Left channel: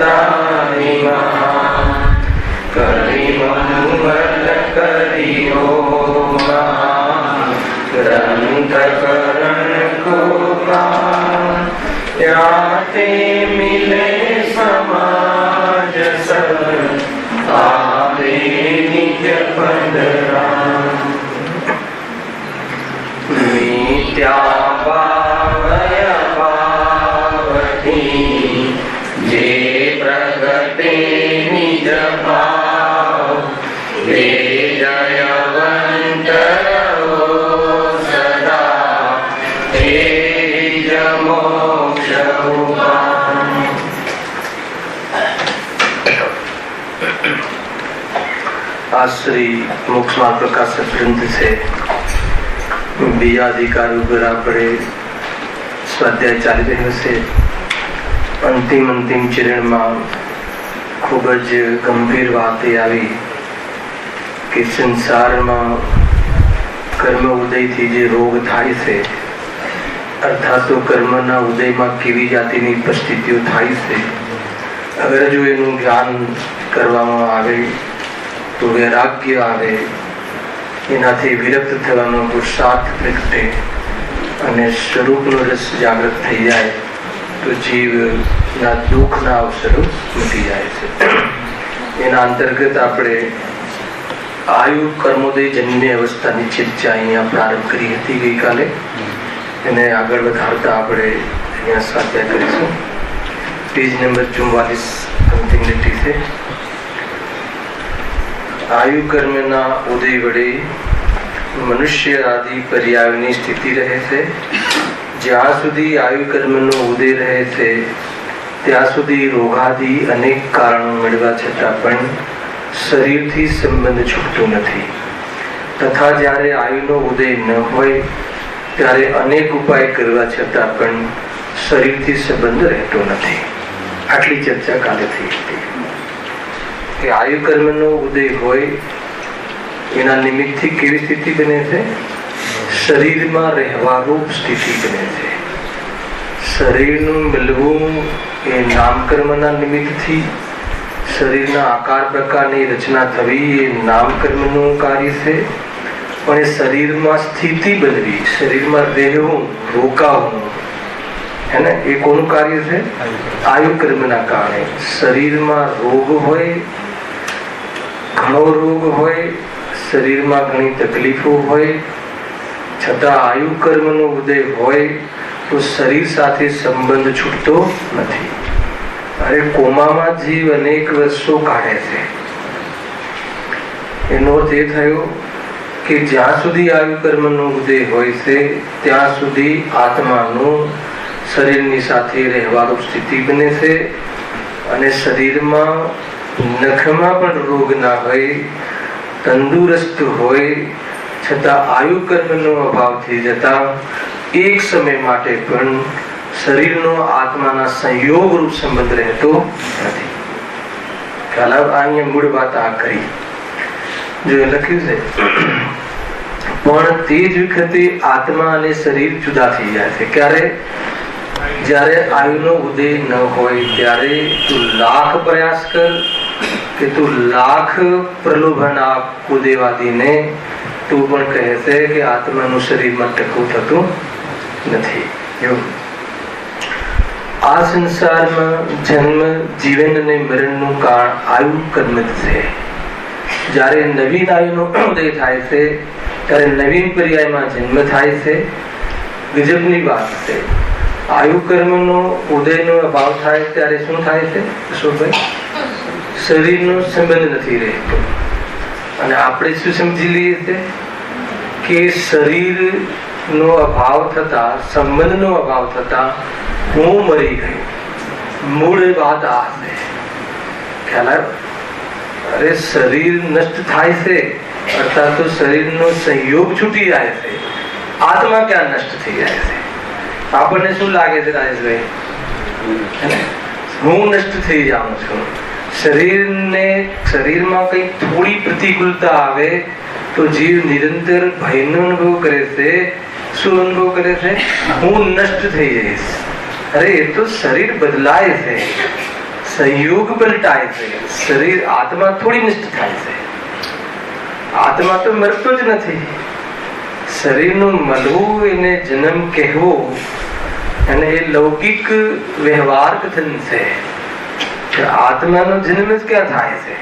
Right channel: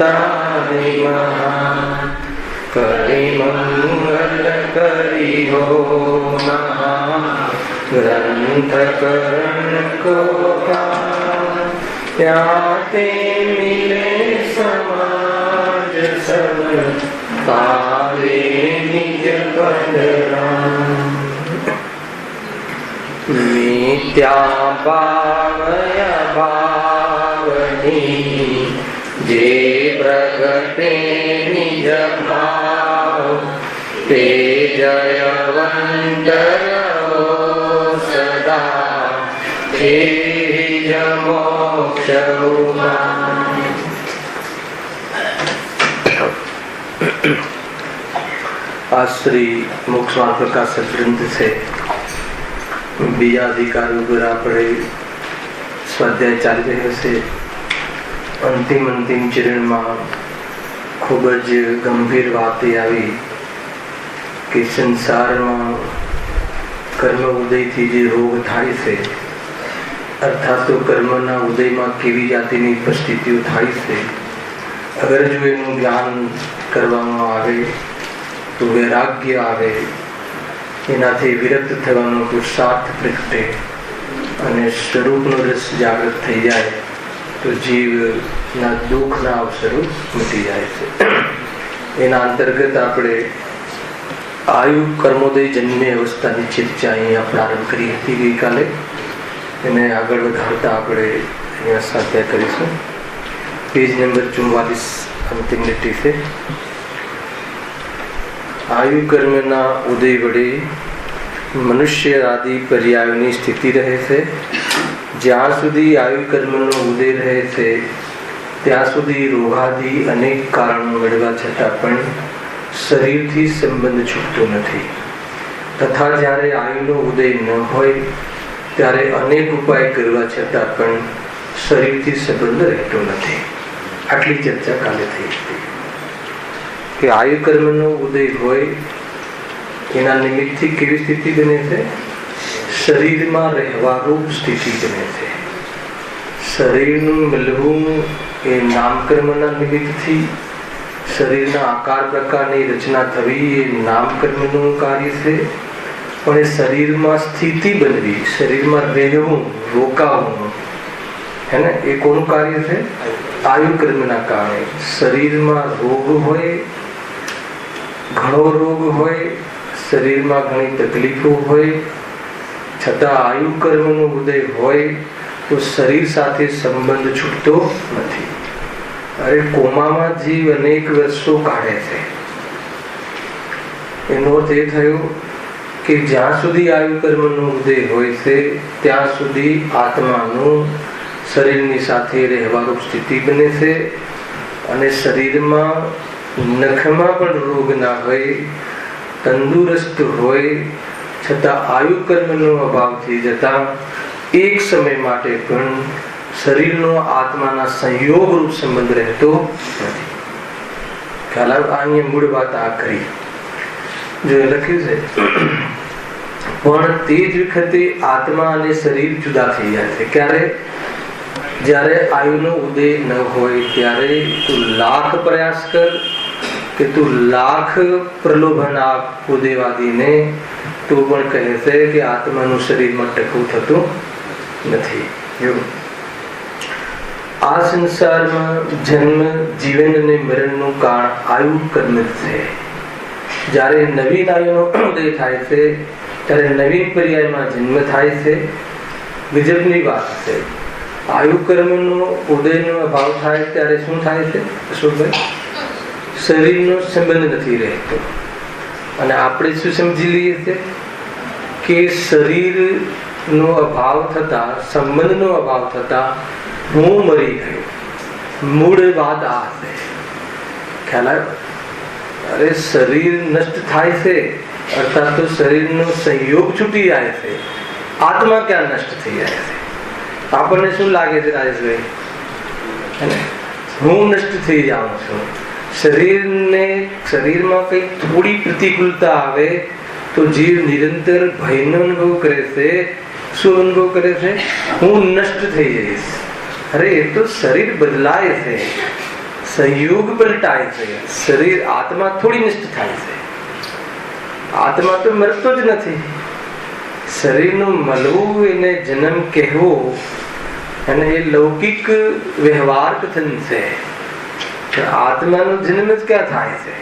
વંદાની મહા કરી મંગલ કરીઓ ગ્રંથ કરણ કો ત્યાતે મિલે સમાજ સબ આવે નિજ પંદરા મિત્યા ભાવય ભાવની જે પ્રગટે નિજ ભાવ તે જયવંત રહો સદા તે જ મોક્ષ ઉપાય। आज श्री मोक्ष मार्ग प्रकाशक ग्रंथ से बीजा अधिकार पड़े स्वाध्याय चाली रह्यो छे। अंतिम चरण में खूब ज गंभीर बात आई कि संसार में कर्म उदय थी जे रोग थाय छे अर्थात तो कर्मना उदय में केवी जातिनी परिस्थितिओ थाय छे। अगर जो एनुं ज्ञान करवामां आवे तो वैराग्य आवे एनाथी विरक्त थवानो पुरुषार्थ प्रगटे अने स्वरूपनो रस जागृत थई जाए तो जीव ना दुख ना अवसरो मिटी जाए छे। एना अंतर्गत आपणे आयु कर्मोदय जन्मी अवस्थानी चर्चा अहींया प्रारंभ करी हती गई काले। एने आगळ वधारता आपणे अहींया स्वाध्याय करीशुं। पेज नंबर 44 अंतिम લીટી છે। आयु कर्म ना उदय वडे मनुष्य आदि पर्यायोनी स्थिति रहे छे। ज्यां सुधी आयु कर्म नो उदय रहे छे त्यां सुधी रोगादि अनेक कारणों मेळवा छतां पण शरीर थी संबंध छूटतो नथी तथा ज्यारे आयु नो उदय न होय त्यारे अनेक उपाय करवा छतां पण शरीर थी संबंध रहतो नथी। आटली चर्चा काले थई हती कि आयु कर्म नो उदय होय एना निमित्त थी केवी स्थिति बने छे शरीर में रहवारूप स्थिति बने छे। शरीर नु मिलवुं ए नामकर्मना निमित्त थी शरीरना आकार प्रकारनी रचना थवी ए नामकर्मनु कार्य छे। पण ए शरीर में स्थिति बनवी शरीर में रहेवुं रोकावुं है ने ए कोनु कार्य छे आयु कर्मना कारणे। शरीर में रोग होय घणो रोग होय शरीर में घणी तकलीफो होय छतां आयु कर्मनो उदय होय तो शरीर साथे संबंध छूटतो नथी। अरे कोमामां जीव अनेक वर्षो काढे छे एनो अर्थ ए थयो कि ज्यां सुधी आयु कर्मनो उदय होय छे त्यां सुधी आत्मानो शरीरनी साथे रहेवानी स्थिति बने छे अने शरीरमां नखमां पण रोग ना होय तंदुरस्त होय छतां आयु कर्मनो अभाव थी जता एक समय माटे पण शरीरनो आत्माना संयोग रूप संबंध रहतो नथी। ख्याल आवे मूळ वात आ करी जो लख्युं छे पण ते ज वखते आत्मा अने शरीर जुदा थई जाय छे। क्यारे ज्यारे आयुनो उदय न होय त्यारे तू लाख प्रयास कर कि तू लाख प्रलोभन आप कुदेवादी ने तू पण कहे छे कि आत्मानु शरीर में टकવું થતું નથી। જો આ સંસારમાં જન્મ જીવન અને મરણનું કારણ આયુ કર્મ છે। જ્યારે નવીન આયુનો ઉદય થાય છે ત્યારે નવીન પર્યાયમાં જન્મ થાય છે। ગજબની વાત છે आयु कर्मनो उदयनो अभाव थाय त्यारे शुं थाय छे अशोकभाई शरीरनो संबंध नथी रहतो अने आपणे शुं समजी लईए छे के शरीरनो अभाव थता संबंधनो अभाव थता हूँ मरी गयो। मूळ बात आ छे ख्याल आव्यो। अरे शरीर नष्ट थाय छे अर्थात तो शरीरनो संयोग छूटी जाय छे आत्मा क्या नष्ट थई जाय छे। આપણને શું લાગે છે રાજેશભાઈ હું નષ્ટ થઈ જાઉં છું શરીરમાં કઈ થોડી પ્રતિકૂળતા આવે તો જીવ નિરંતર ભયનો અનુભવ કરે છે। શું અનુભવ કરે છે હું નષ્ટ થઈ જઈશ। અરે એ તો શરીર બદલાય છે સંયોગ પલટાય છે. શરીર આત્મા થોડી નષ્ટ થાય છે. આત્મા તો મરતો જ નથી. શરીરનું મળવું, એને જન્મ કહેવો, અને એ લૌકિક વ્યવહાર કથન છે. આત્માનો જન્મ જ ક્યાં થાય છે?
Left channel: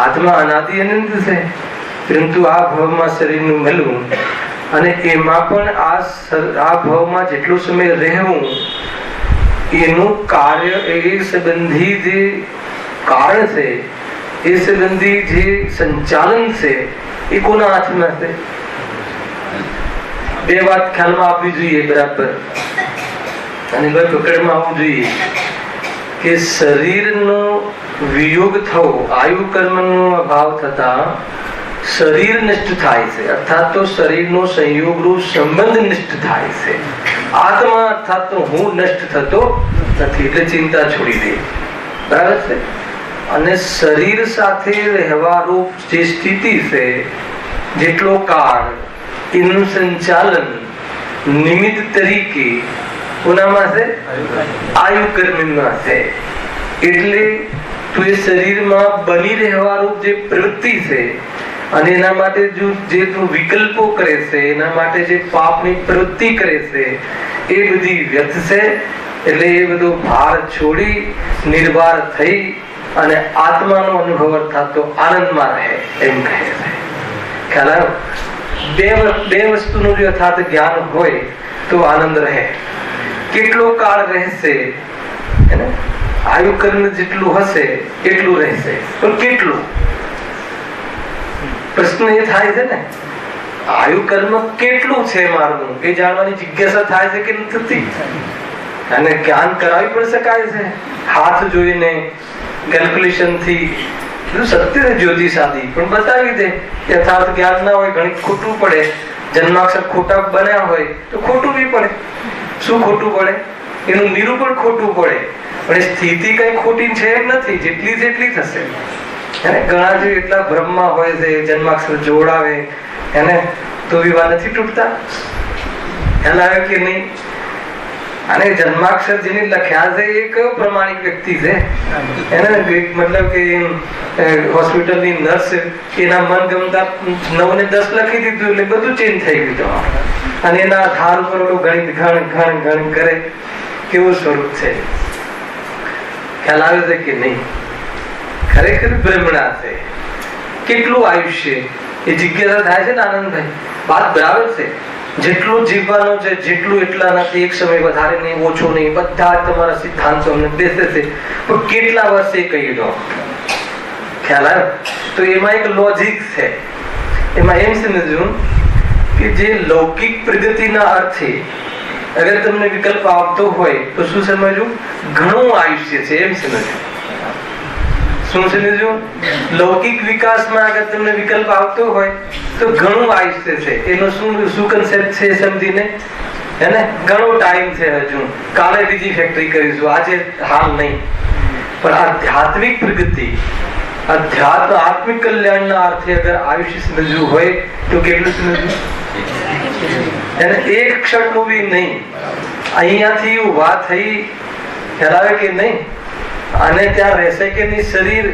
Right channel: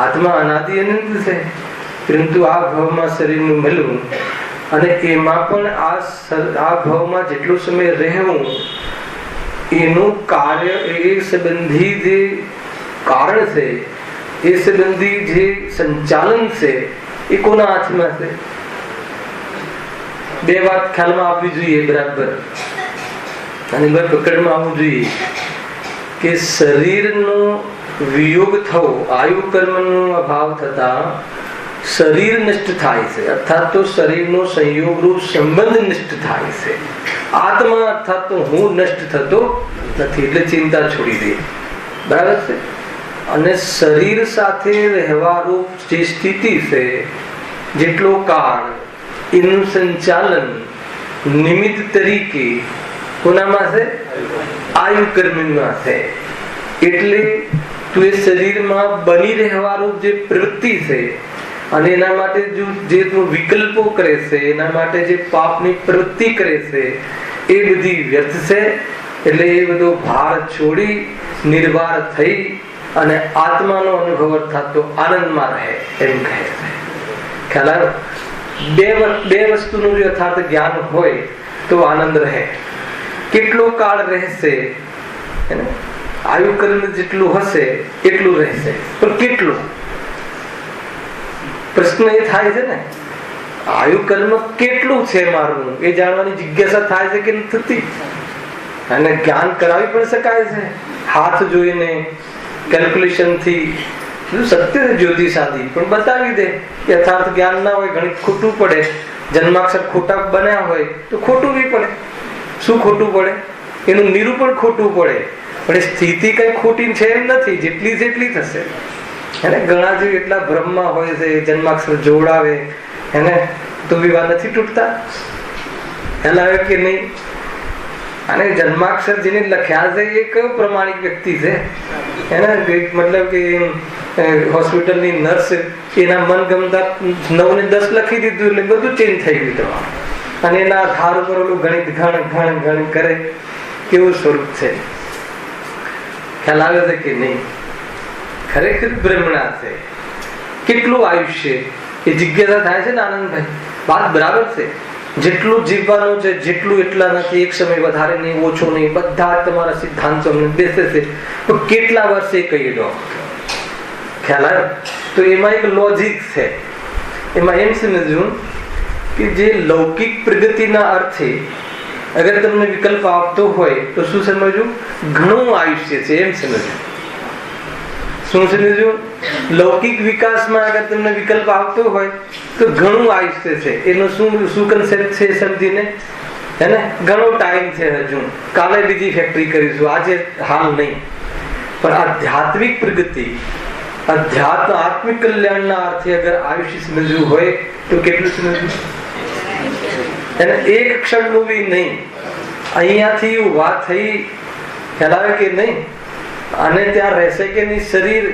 આત્મા અનાદિ અનંત છે. પરંતુ આ ભાવમાં શરીરનું મળવું, અને એમાં પણ આ ભાવમાં જેટલો સમય રહેવું, એનું કાર્ય, એ સંબંધી જે કારણ છે, એ સંબંધી જે સંચાલન છે, એ કોના હાથમાં છે? બે વાત ખ્યાલમાં આપવી જોઈએ બરાબર, અને પકડમાં આવવું જોઈએ કે શરીરનો વિયોગ થવો, આયુ કર્મનો અભાવ થતા શરીર નષ્ટ થાય છે, અર્થાત તો શરીરનો સંયોગનો સંબંધ નષ્ટ થાય છે. આત્મા અર્થાત તો હું નષ્ટ થતો નથી. એટલે ચિંતા છોડી દે. બરાબર છે. અને શરીર સાથે રહેવાનું જે સ્થિતિ છે, જેટલો કાળ, એનું સંચાલન નિમિત્ત તરીકે કોનામાં છે? આયુ કર્મમાં છે. એટલે તું એ શરીરમાં બની રહેવાનું જે પ્રવૃત્તિ છે, અને એના માટે જે તું વિકલ્પો કરે છે, એના માટે જે પાપની પ્રવૃત્તિ કરે છે, એ બધી વ્યર્થ છે. એટલે એ બધો ભાર છોડી નિર્વાર થઈ અને આત્માનો અનુભવ અર્થાત તો આનંદમાં રહે, એમ કહે છે. ખ્યાલ આવ્યો? બે વસ્તુનું યથાર્થ જ્ઞાન હોય તો આનંદ રહે. કેટલો કાળ રહેશે? આયુ કર્મ જેટલું હશે એટલું રહેશે, પણ કેટલું? પ્રશ્ન એ થાય છે ને, આયુ કર્મ કેટલું છે મારું, એ જાણવાની જિજ્ઞાસા થાય છે કે નથી? અને જ્ઞાન કરાવી પણ શકાય છે હાથ જોઈને, કેલ્ક્યુલેશન થી. સત્ય છે જ્યોતિષાદી, પણ બતાવી દે. યથાર્થ જ્ઞાન ના હોય, ઘણી ખોટું પડે. જન્માક્ષર ખોટા બન્યા હોય તો ખોટું બી પડે. શું ખોટું પડે? એનું નિરૂપણ ખોટું પડે. પણ એ સ્થિતિ કઈ ખોટી છે એમ નથી, જેટલી જેટલી થશે. એને ઘણા જે એટલા ભ્રમમાં હોય છે, જન્માક્ષર જોડાવે એને તો વિવાહ નથી તૂટતા. ખ્યાલ આવે કે નહીં? અને જન્માક્ષર જેને લખ્યા છે એ કયો પ્રમાણિક વ્યક્તિ છે? એને મતલબ કે હોસ્પિટલની નર્સ એના મન ગમતા 9 ને 10 લખી દીધું, એટલે બધું ચેન્જ થઈ ગયું. અને એના આધાર ઉપર ગણિત ઘણ કરે. કેવું સ્વરૂપ છે? ખ્યાલ આવે છે કે નહીં? ખરેખર બ્રહ્મણા છે. કેટલું આયુષ્ય, એ જિજ્ઞાસા થાય છે ને આનંદભાઈ? વાત બરાબર છે. જેટલું જીવવાનું છે, જેટલું એટલા નથી. એક સમય વધારે નહીં, ઓછો નહીં. બધા તમારા સિદ્ધાંતો બેસે છે, પણ કેટલા વર્ષે કહી દો. ખ્યાલ આવ્યો? તો એમાં એક લોજિક છે. એમાં એમ સમજવું કે જે લૌકિક પ્રગતિના અર્થે અગર તમને વિકલ્પ આવતો હોય તો શું સમજવું? ઘણું આયુષ્ય છે, એમ સમજવું. શું સમજવું? લૌકિક વિકાસમાં અગર તમને વિકલ્પ આવતો હોય તો ઘણું આયુષ્ય છે. એનો શું કન્સેપ્ટ છે સમજીને, એને ઘણો ટાઈમ છે. હજુ કાલે બીજી ફેક્ટરી કરીશું, આજે હાલ નહીં. પણ આધ્યાત્મિક પ્રગતિ, આત્મિક કલ્યાણના અર્થે અગર આયુષ્ય સમજવું હોય તો કેટલું સમજવું? એને એક ક્ષણનું બી નહીં. અહીંયાથી ઉભા થઈ, ખ્યાલ આવે કે નહીં? અને ત્યાં રહેશે કે નહીં શરીર?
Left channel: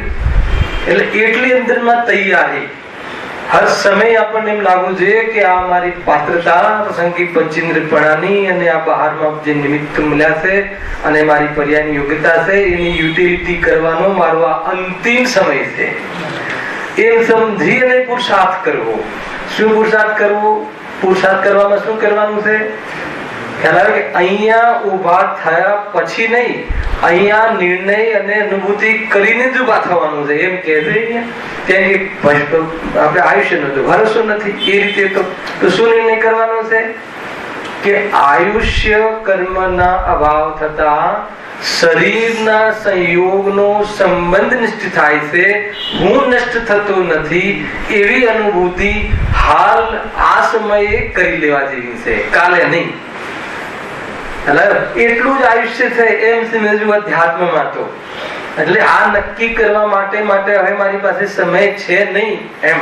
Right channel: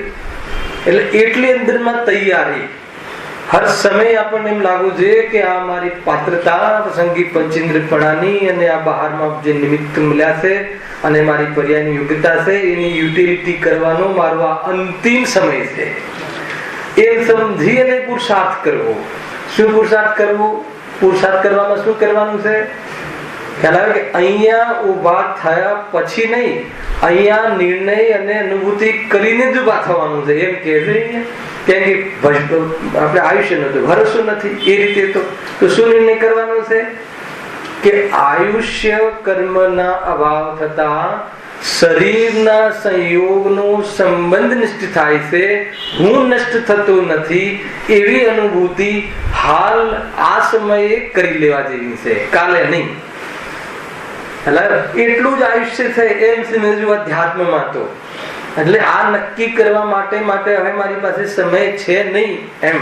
એટલે એટલી અંદરમાં તૈયારી. હર સમય આપણને એમ લાગવું જોઈએ કે આ મારી પાત્રતા પ્રસંગિક પંચેન્દ્રિયપણાની, અને આ બહારમાં જે નિમિત્ત મળ્યા છે અને મારી પર્યાયની યોગ્યતા છે, એની યુટિલિટી કરવાનો મારો આ અંતિમ સમય છે. એ સમજી અને પુરુષાર્થ કરવો. શું પુરુષાર્થ કરવો? પુરુષાર્થ કરવામાં શું કરવાનું છે? ખ્યાલ આવે કે અહીંયા ઉભા થયા પછી નહીં, અહીંયા નિર્ણય અને અનુભૂતિ કરીને જ ઉભા થવાનું છે, એમ કે છે. આપણે આયુષ્ય નથી, ભરોસો નથી. એ રીતે તો શું નિર્ણય કરવાનો છે કે આયુષ્ય કર્મના અભાવ થતા શરીરના સંયોગનો સંબંધ નષ્ટ થાય છે, હું નષ્ટ થતો નથી, એવી અનુભૂતિ હાલ આ સમયે કરી લેવા જેવી છે, કાલે નહીં. એટલું જ આયુષ્ય છે એમ સમજવું અધ્યાત્મમાં. તો એટલે આ નક્કી કરવા માટે હવે મારી પાસે સમય છે નહીં એમ.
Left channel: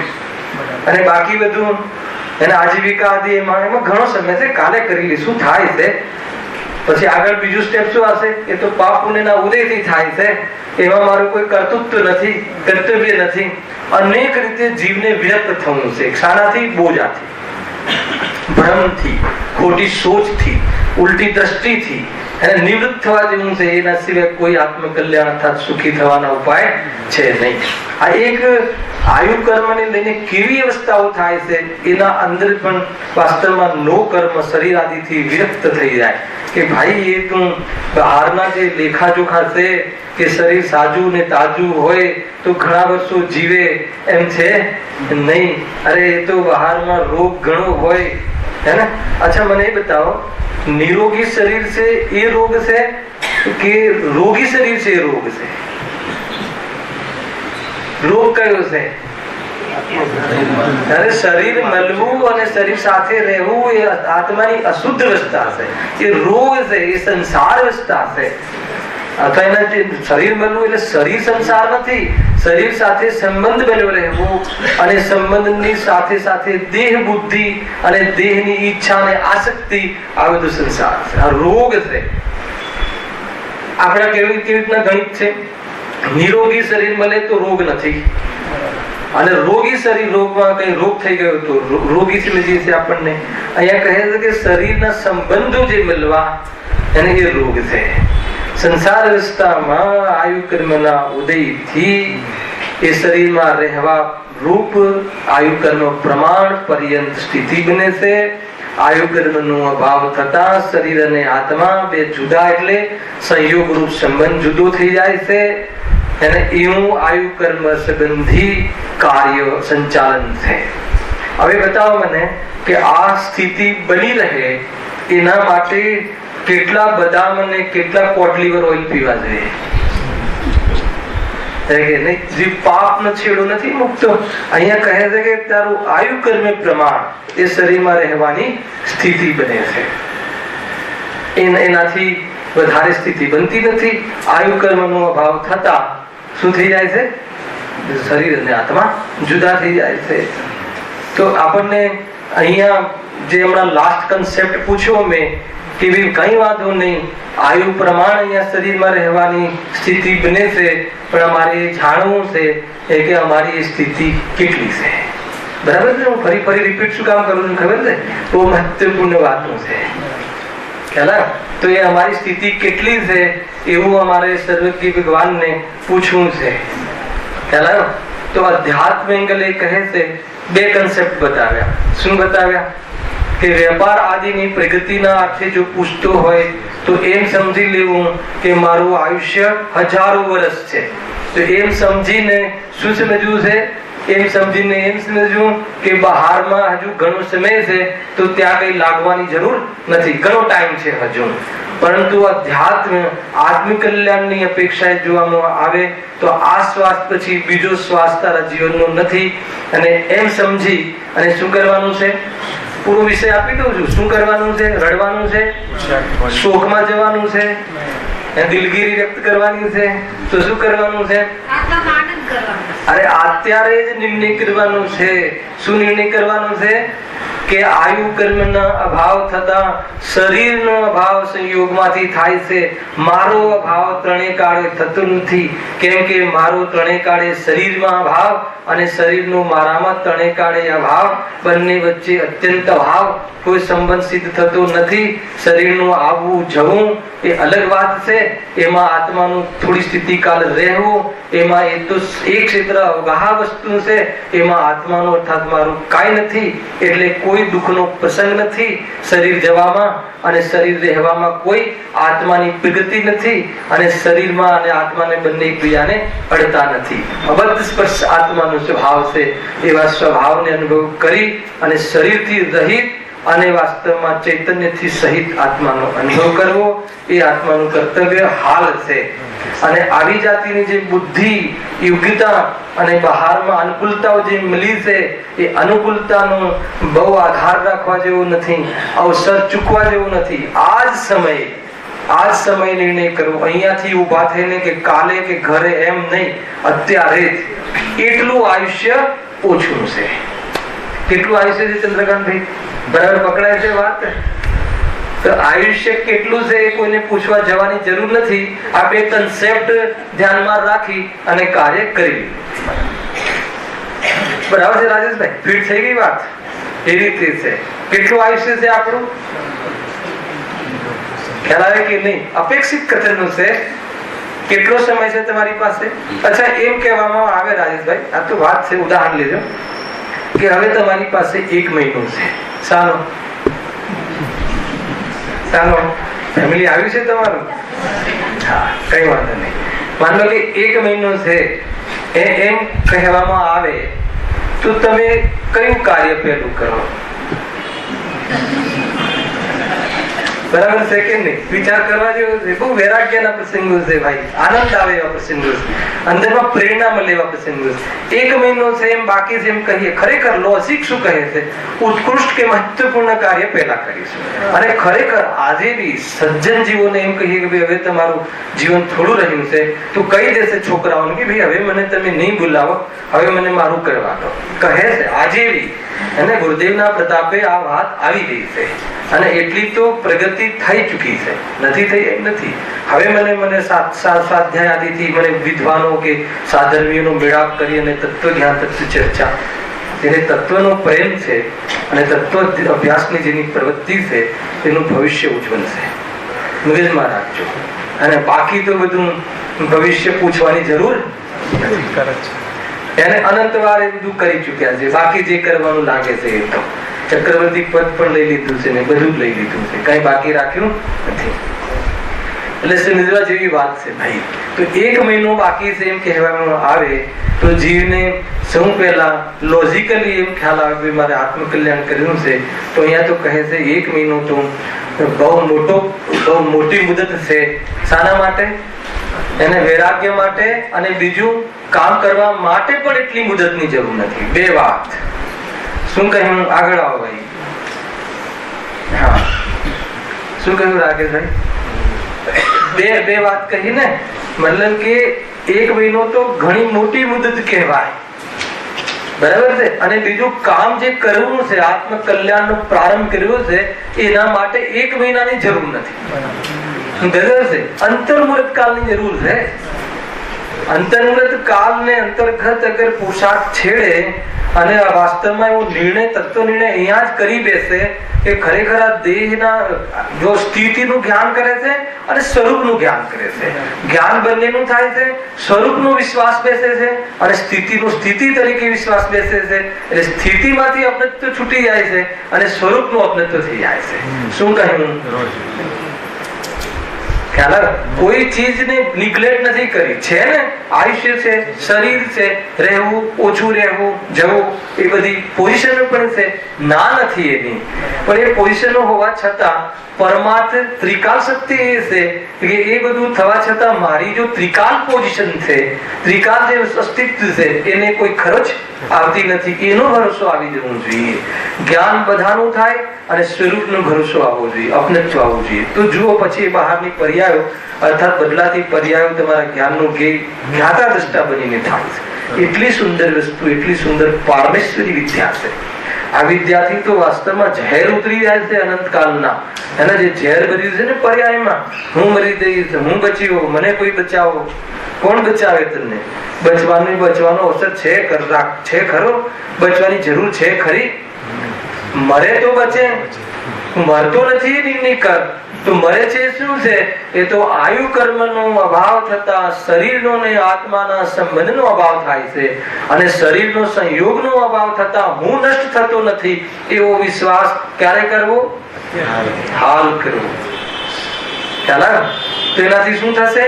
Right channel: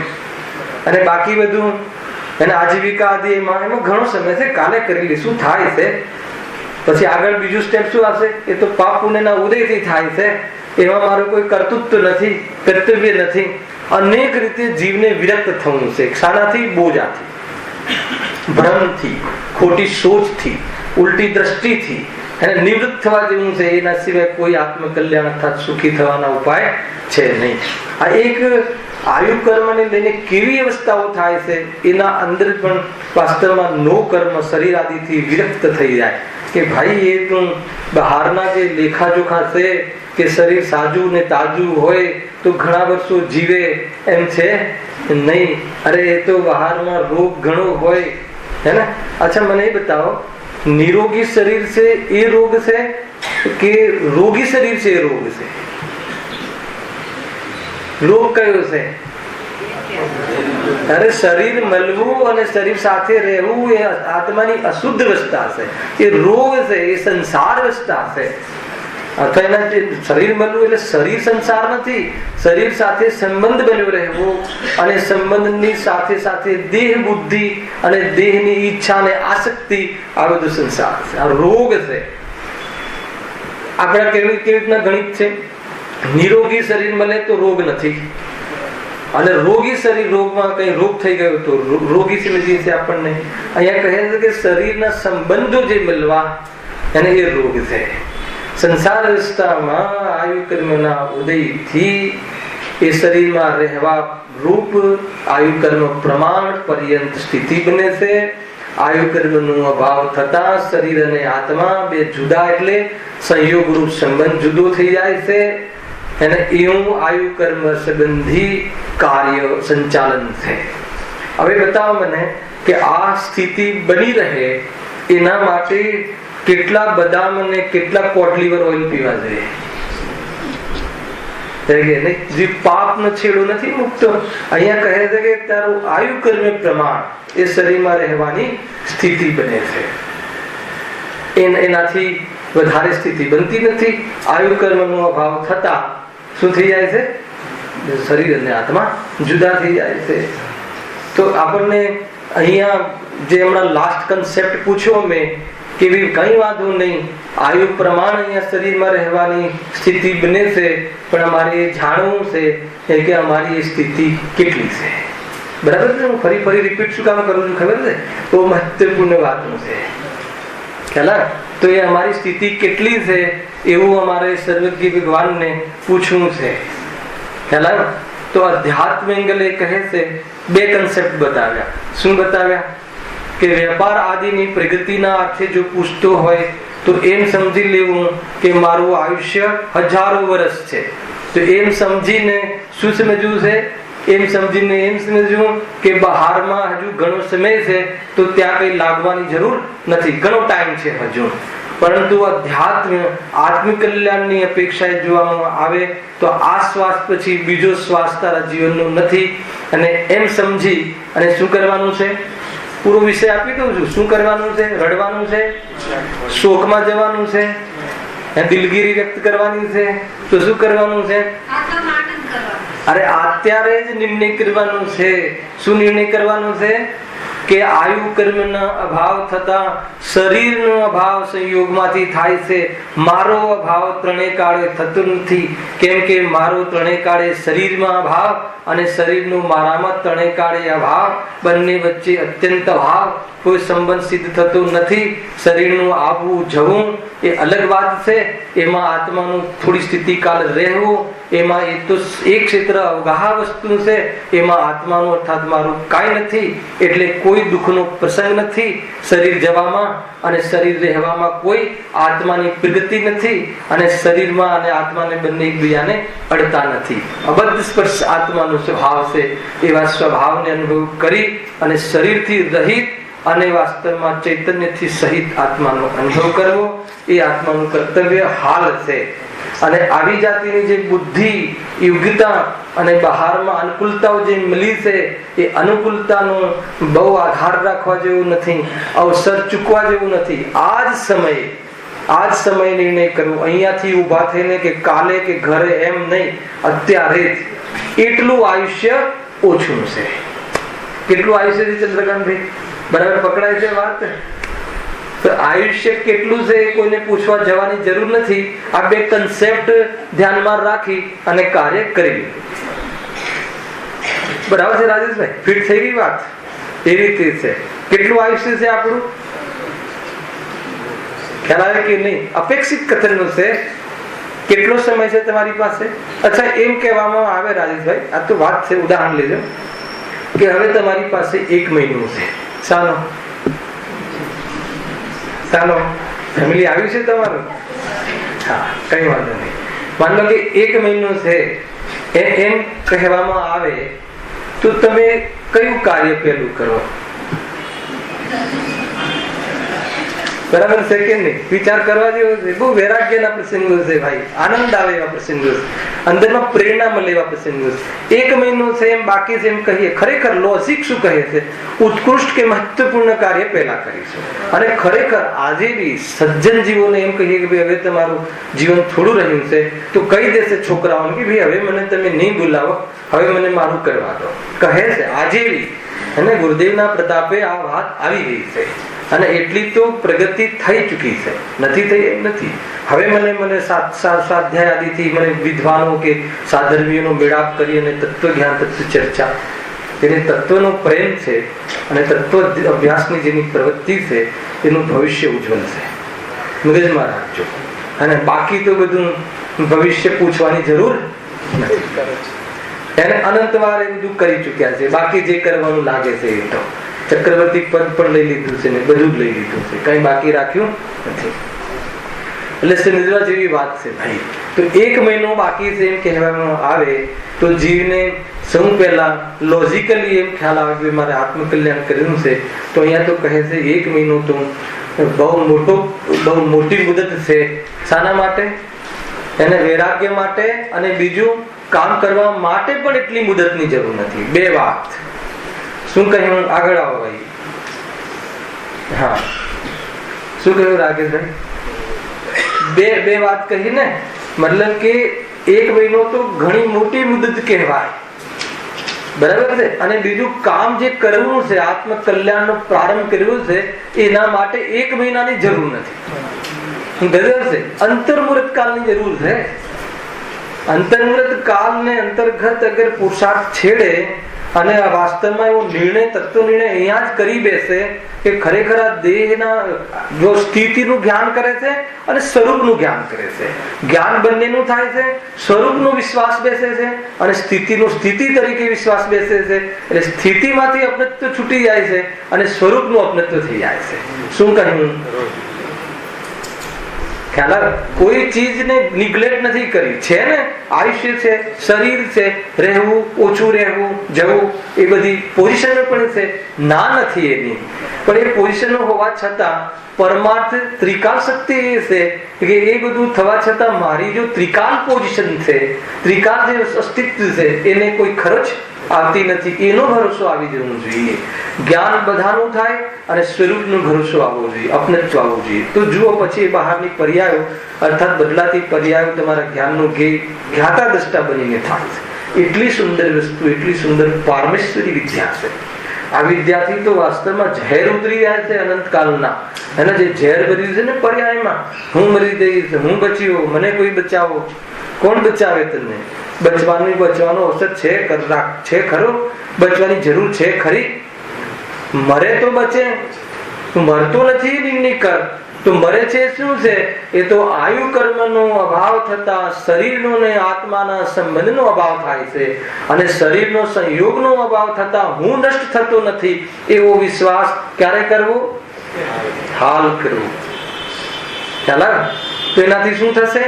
અને બાકી બધું એને આજીવિકા આદિ એમાં ઘણો સમય છે, કાલે કરી લઈશું. થાય છે પછી આગળ બીજું સ્ટેપ શું આવશે? એ તો પાપ પુણ્યના ઉદયથી થાય છે, એમાં મારું કોઈ કર્તૃત્વ નથી, કર્તવ્ય નથી. અનેક રીતે જીવને વિરક્ત થવું છે. શાનાથી? બોજાથી, ભ્રમથી, ખોટી સોચથી, ઉલટી દ્રષ્ટિથી એને નિવૃત્ત થવા જેવું છે. એના સિવાય કોઈ આત્મકલ્યાણ અર્થાત સુખી થવાના ઉપાય છે નહીં. આ એક આયુ કર્મને લઈને કેવી અવસ્થાઓ થાય છે એના અંદર પણ વાસ્તવમાં નો કર્મ શરીર આદિથી વિરક્ત થઈ જાય કે ભાઈ એ તો બહારના જે લેખાજોખા છે કે શરીર સાજું ને તાજું હોય તો ઘણા વર્ષો જીવે એમ છે નહીં. અરે એ તો બહારમાં રોગ ઘણો હોય હે ને. અચ્છા મને એ બતાવો, નિરોગી શરીર છે એ રોગ છે કે રોગી શરીર છે એ રોગ છે? રોગ કયો છે? અરે શરીર મળવું અને શરીર સાથે રહેવું એ આત્માની અશુદ્ધ અવસ્થા છે, એ રોગ છે, એ સંસાર અવસ્થા છે. અથવા એના શરીર મળવું એટલે શરીર સંસાર નથી. શરીર સાથે સંબંધ બન્યો રહેવો અને સંબંધની સાથે સાથે દેહ બુદ્ધિ અને દેહની ઈચ્છા અને આસક્તિ આ બધું સંસાર છે, આ રોગ છે. આપણે કેવી રીતના ગણિત છે? નિરોગી શરીર મળે તો રોગ નથી, અને રોગી શરીર રોગમાં કઈ રોગ થઈ ગયો તો રોગી સમજીએ છીએ આપણને. અહીંયા કહે છે કે શરીરના સંબંધો જે મળવા એને એ રોગ છે. સંસાર અવસ્થામાં આયુ કર્મના ઉદયથી એ શરીરમાં રહેવા રૂપ આયુ કર્મ પ્રમાણ પર્યંત સ્થિતિ બને છે. આયુ કર્મનો અભાવ થતા શરીર અને આત્મા બે જુદા એટલે સંયોગ રૂપ સંબંધ જુદો થઈ જાય છે. અને એવું આયુ કર્મ સંબંધી કાર્ય સંચાલન છે. હવે બતાવો મને કે આ સ્થિતિ બની રહે એના માટે કેટલા બદામ અને કેટલા કોટલીવર ઓઇલ પીવા જોઈએ? જે પાપ નો છેડો નથી મુક્ત. અહીંયા કહે છે કે તારું આયુ કર્મ પ્રમાણ એ શરીરમાં રહેવાની સ્થિતિ બને છે. એનાથી વધારે સ્થિતિ બનતી નથી. આયુ કર્મનો અભાવ થતા શું થઈ જાય છે? શરીર અને આત્મા જુદા થઈ જાય છે. તો આપણને અહીંયા જે હમણાં લાસ્ટ કન્સેપ્ટ પૂછ્યો મેં કે કઈ વાંધો નહીં, આયુ પ્રમાણ અહીંયા શરીરમાં રહેવાની સ્થિતિ બને છે, પણ અમારે જાણવું છે કે અમારી સ્થિતિ કેટલી છે. બરાબર છે? હું ફરી રિપીટ શું કામ કરું છું ખબર છે? બહુ મહત્વપૂર્ણ વાતો છે. ખ્યાલ? તો એ અમારી સ્થિતિ કેટલી છે એવું અમારે સર્વજ્ઞ ભગવાનને પૂછવું છે. ખ્યાલ? તો અધ્યાત્મ એંગલ એ કહે છે બે કન્સેપ્ટ બતાવ્યા. શું બતાવ્યા? કે વેપાર આદિની પ્રગતિના અર્થે જો પૂછતો હોય તો એમ સમજી લેવું કે મારું આયુષ્ય હજારો વર્ષ છે. તો એમ સમજીને શું સમજવું છે? એમ સમજીને એમ સમજવું કે બહારમાં હજુ ઘણો સમય છે તો ત્યાં કઈ લાગવાની જરૂર નથી, ઘણો ટાઈમ છે હજુ. પરંતુ અધ્યાત્મ આત્મકલ્યાણની અપેક્ષાએ જોવામાં આવે તો આ શ્વાસ પછી બીજો શ્વાસ તારા જીવનનો નથી. અને એમ સમજી અને શું કરવાનું છે? પૂરો વિષય આપી દઉં છું. શું કરવાનું છે? રડવાનું છે, શોકમાં જવાનું છે, દિલગીરી વ્યક્ત કરવાની છે. તો શું કરવાનું છે? અરે અત્યારે જ નિર્ણય કરવાનો છે. શું નિર્ણય કરવાનો છે? કે આયુ કર્મના અભાવ થતા શરીરનો અભાવ સંયોગમાંથી થાય છે. મારો અભાવ ત્રણેય કાળે થતો નથી, કેમ કે મારો ત્રણેય કાળે શરીરમાં અભાવ અને શરીરનો મારામાં ત્રણેય કાળે અભાવ, બંને વચ્ચે અત્યંત અભાવ, કોઈ સંબંધ સિદ્ધ થતો નથી. શરીરનું આવવું જવું એ અલગ વાત છે, એમાં આત્માનું થોડી સ્થિતિ કાળ રહેવું, એમાં એ તો એક ક્ષેત્ર અવગાહ વસ્તુ છે, એમાં આત્માનું અર્થાત મારું કાંઈ નથી. એટલે કોઈ દુઃખનો પ્રસંગ નથી શરીર જવામાં, અને શરીર રહેવામાં કોઈ આત્માની પ્રગતિ નથી, અને શરીરમાં અને આત્માને બંને એકબીજાને અડતા નથી. અબદ્ધ સ્પર્શ આત્માનો સ્વભાવ છે. એવા સ્વભાવને અનુભવ કરી અને શરીરથી રહિત અને વાસ્તવમાં ચૈતન્યથી સહિત આત્માનો અનુભવ કરવો એ આત્માનું કર્તવ્ય હાલ છે. અને આવી જાતિની જે બુદ્ધિ, યોગ્યતા અને બહારમાં અનુકૂળતાઓ જે મળી છે એ અનુકૂળતાનો બહુ આધાર રાખવા જેવું નથી, અવસર ચૂકવા જેવું નથી. આજ સમય નિર્ણય કરવો, અહીંયાથી ઉભા થઈને કે કાલે કે ઘરે એમ નહીં, અત્યારે એટલું આયુષ્ય ઓછું છે. કેટલું આયુષ્ય છે ચંદ્રકાંતભાઈ? બરાબર પકડાય છે વાત? તો આયુષ્ય કેટલું છે એ કોઈને પૂછવા જવાની જરૂર નથી. આ બે કન્સેપ્ટ ધ્યાનમાં રાખી અને કાર્ય કરી. બરાબર છે રાજેશભાઈ? ફિટ થઈ ગઈ વાત? એ રીતે છે. કેટલું આયુષ્ય છે આપણું ખ્યાલ આવે કે નહીં? અપેક્ષિત કથનનું છે. કેટલો સમય છે તમારી પાસે? અચ્છા, એમ કહેવામાં આવે રાજેશભાઈ, આ તો વાત છે, ઉદાહરણ લેજો કે હવે તમારી પાસે 1 મહિનો છે. ચાલો ફેમિલી આવ્યું છે તમારું? હા, કઈ વાંધો નહીં. માન લો કે 1 મહિનો છે એમ કહેવામાં આવે તો તમે કયું કાર્ય પહેલું કરો? બરાબર છે કે નહીં? વિચાર કરવા જેવો છે. બહુ વૈરાગ્યના પ્રસંગો છે ભાઈ. આનંદ આવે એવા પ્રસંગો છે. અંદરમાં પ્રેરણા મળે એવા પ્રસંગો છે. 1 મહિનો છે એમ બાકી છે એમ કહીએ. ખરેખર લોજિક શું કહે છે? ઉત્કૃષ્ટ કે મહત્વપૂર્ણ કાર્ય પહેલા કરીશું. અને ખરેખર આજે બી સજ્જન જીવોને એમ કહીએ કે ભાઈ હવે તમારું જીવન થોડું રહ્યું છે તો કહી દેશે છોકરાઓને કે ભાઈ હવે મને તમે નહીં બોલાવો, હવે મને મારું કરવા દો. કહે છે આજે બી. અને ગુરુદેવના પ્રતાપે આ વાત આવી ગઈ છે અને એટલી તો પ્રગતિ થઈ ચૂકી છે. નથી થઈ એમ નથી. હવે મને સ્વાધ્યાય આદિથી મને વિદ્વાનો કે સાધર્મીઓનો મેળાપ કરી અને તત્વ જ્ઞાન તત્વ ચર્ચા, જેને તત્વનો પ્રેમ છે અને તત્વ અભ્યાસની જેની પ્રવૃત્તિ છે એનું ભવિષ્ય ઉજ્જવળ છે. મગજમાં રાખજો. અને બાકી તો બધું ભવિષ્ય પૂછવાની જરૂર નથી. એને અનંતવાર એ બધું કરી ચુક્યા છે. બાકી જે કરવાનું લાગે છે એ તો ચક્રવર્તી પદ પણ લઈ લીધું છે ને બધું જ લઈ લીધું છે. કઈ બાકી રાખ્યું નથી. એટલે સમજવા જેવી વાત છે ભાઈ. તો 1 મહિનો બાકી છે એમ કહેવામાં આવે તો જીવને સૌ પહેલા લોજિકલી એમ ખ્યાલ આવે કે મારે આત્મકલ્યાણ કરવું છે. તો અહીંયા તો કહે છે 1 મહિનો તો બહુ મોટી મુદત છે. શાના માટે? એને વૈરાગ્ય માટે અને બીજું કામ કરવા માટે પણ એટલી મુદતની જરૂર નથી. 2 વાત. શું કહ્યું? આગળ આવો ભાઈ. હા, શું કહ્યું રાકેશભાઈ? બે વાત કહી ને. મતલબ કે 1 મહિનો તો ઘણી મોટી મુદત કહેવાય. બરાબર છે? અને બીજું કામ જે કરવું છે, આત્મકલ્યાણનો પ્રારંભ કરવો છે, એના માટે 1 મહિનાની જરૂર નથી. બરાબર છે? અંતર્મુહૂર્ત કાળની જરૂર છે. અંતર્મુહૂર્ત કાળને અંતર્ગત અગર પુરુષાર્થ છેડે અને વાસ્તવમાં એવો નિર્ણય, તત્વ નિર્ણય અહીંયા જ કરી બેસે કે ખરેખર આ દેહના જો સ્થિતિનું જ્ઞાન કરે છે અને સ્વરૂપનું જ્ઞાન કરે છે. જ્ઞાન બંનેનું થાય છે. સ્વરૂપનો વિશ્વાસ બેસે છે અને સ્થિતિનો સ્થિતિ તરીકે વિશ્વાસ બેસે છે. એટલે સ્થિતિમાંથી અપનત્વ છૂટી જાય છે અને સ્વરૂપનું અપનત્વ થઈ જાય છે. શું કહ્યું? કોઈ ચીજને નિગ્લેક્ટ નથી કરી. છે ને, આયુષ્ય છે, શરીર છે, રહેવું, ઓછું રહેવું, જવું, એ બધી પોઝિશનો પણ છે. ના નથી એની. પણ એ પોઝિશનો હોવા છતાં પરમાર્થ ત્રિકાલ શક્તિ એ છે કે એ બધું થવા છતાં મારી જો ત્રિકાલ પોઝિશન છે, ત્રિકાલ જે અસ્તિત્વ છે, એને કોઈ ખર્ચ આવતી નથી. એનો ભરોસો આવી જવો જોઈએ. જ્ઞાન બધાનું થાય અને સ્વરૂપનો ભરોસો આવવો જોઈએ, અપનત્વ આવવું જોઈએ. તો જુઓ પછી બહારની પર્યાયો અર્થાત બદલાતી પર્યાયો તમારા જ્ઞાનનું જ્ઞાતા દ્રષ્ટા બનીને થાય છે. એટલી સુંદર વસ્તુ, એટલી સુંદર પારમેશ્વરી વિદ્યા છે. આ વિદ્યાથી તો વાસ્તવમાં ઝેર ઉતરી જાય છે અનંતકાળના. અને જે ઝેર બધું છે ને પર્યાયમાં, હું મરી જઈશ, હું બચ્યો, મને કોઈ બચાવો. કોણ બચાવે તમને? બચવાનો અવસર છે ખરો? બચવાની જરૂર છે ખરી? મરે તો બચે, મરતો નથી. નિર્ણય કર તો મરે છે શું છે? એ તો આયુ કર્મનો અભાવ થતા શરીરનો ને આત્માના સંબંધનો અભાવ થાય છે. અને શરીરનો સંયોગનો અભાવ થતા હું નષ્ટ થતો નથી એવો વિશ્વાસ ક્યારે કરવો? હાલ કરવો. તો એનાથી શું થશે?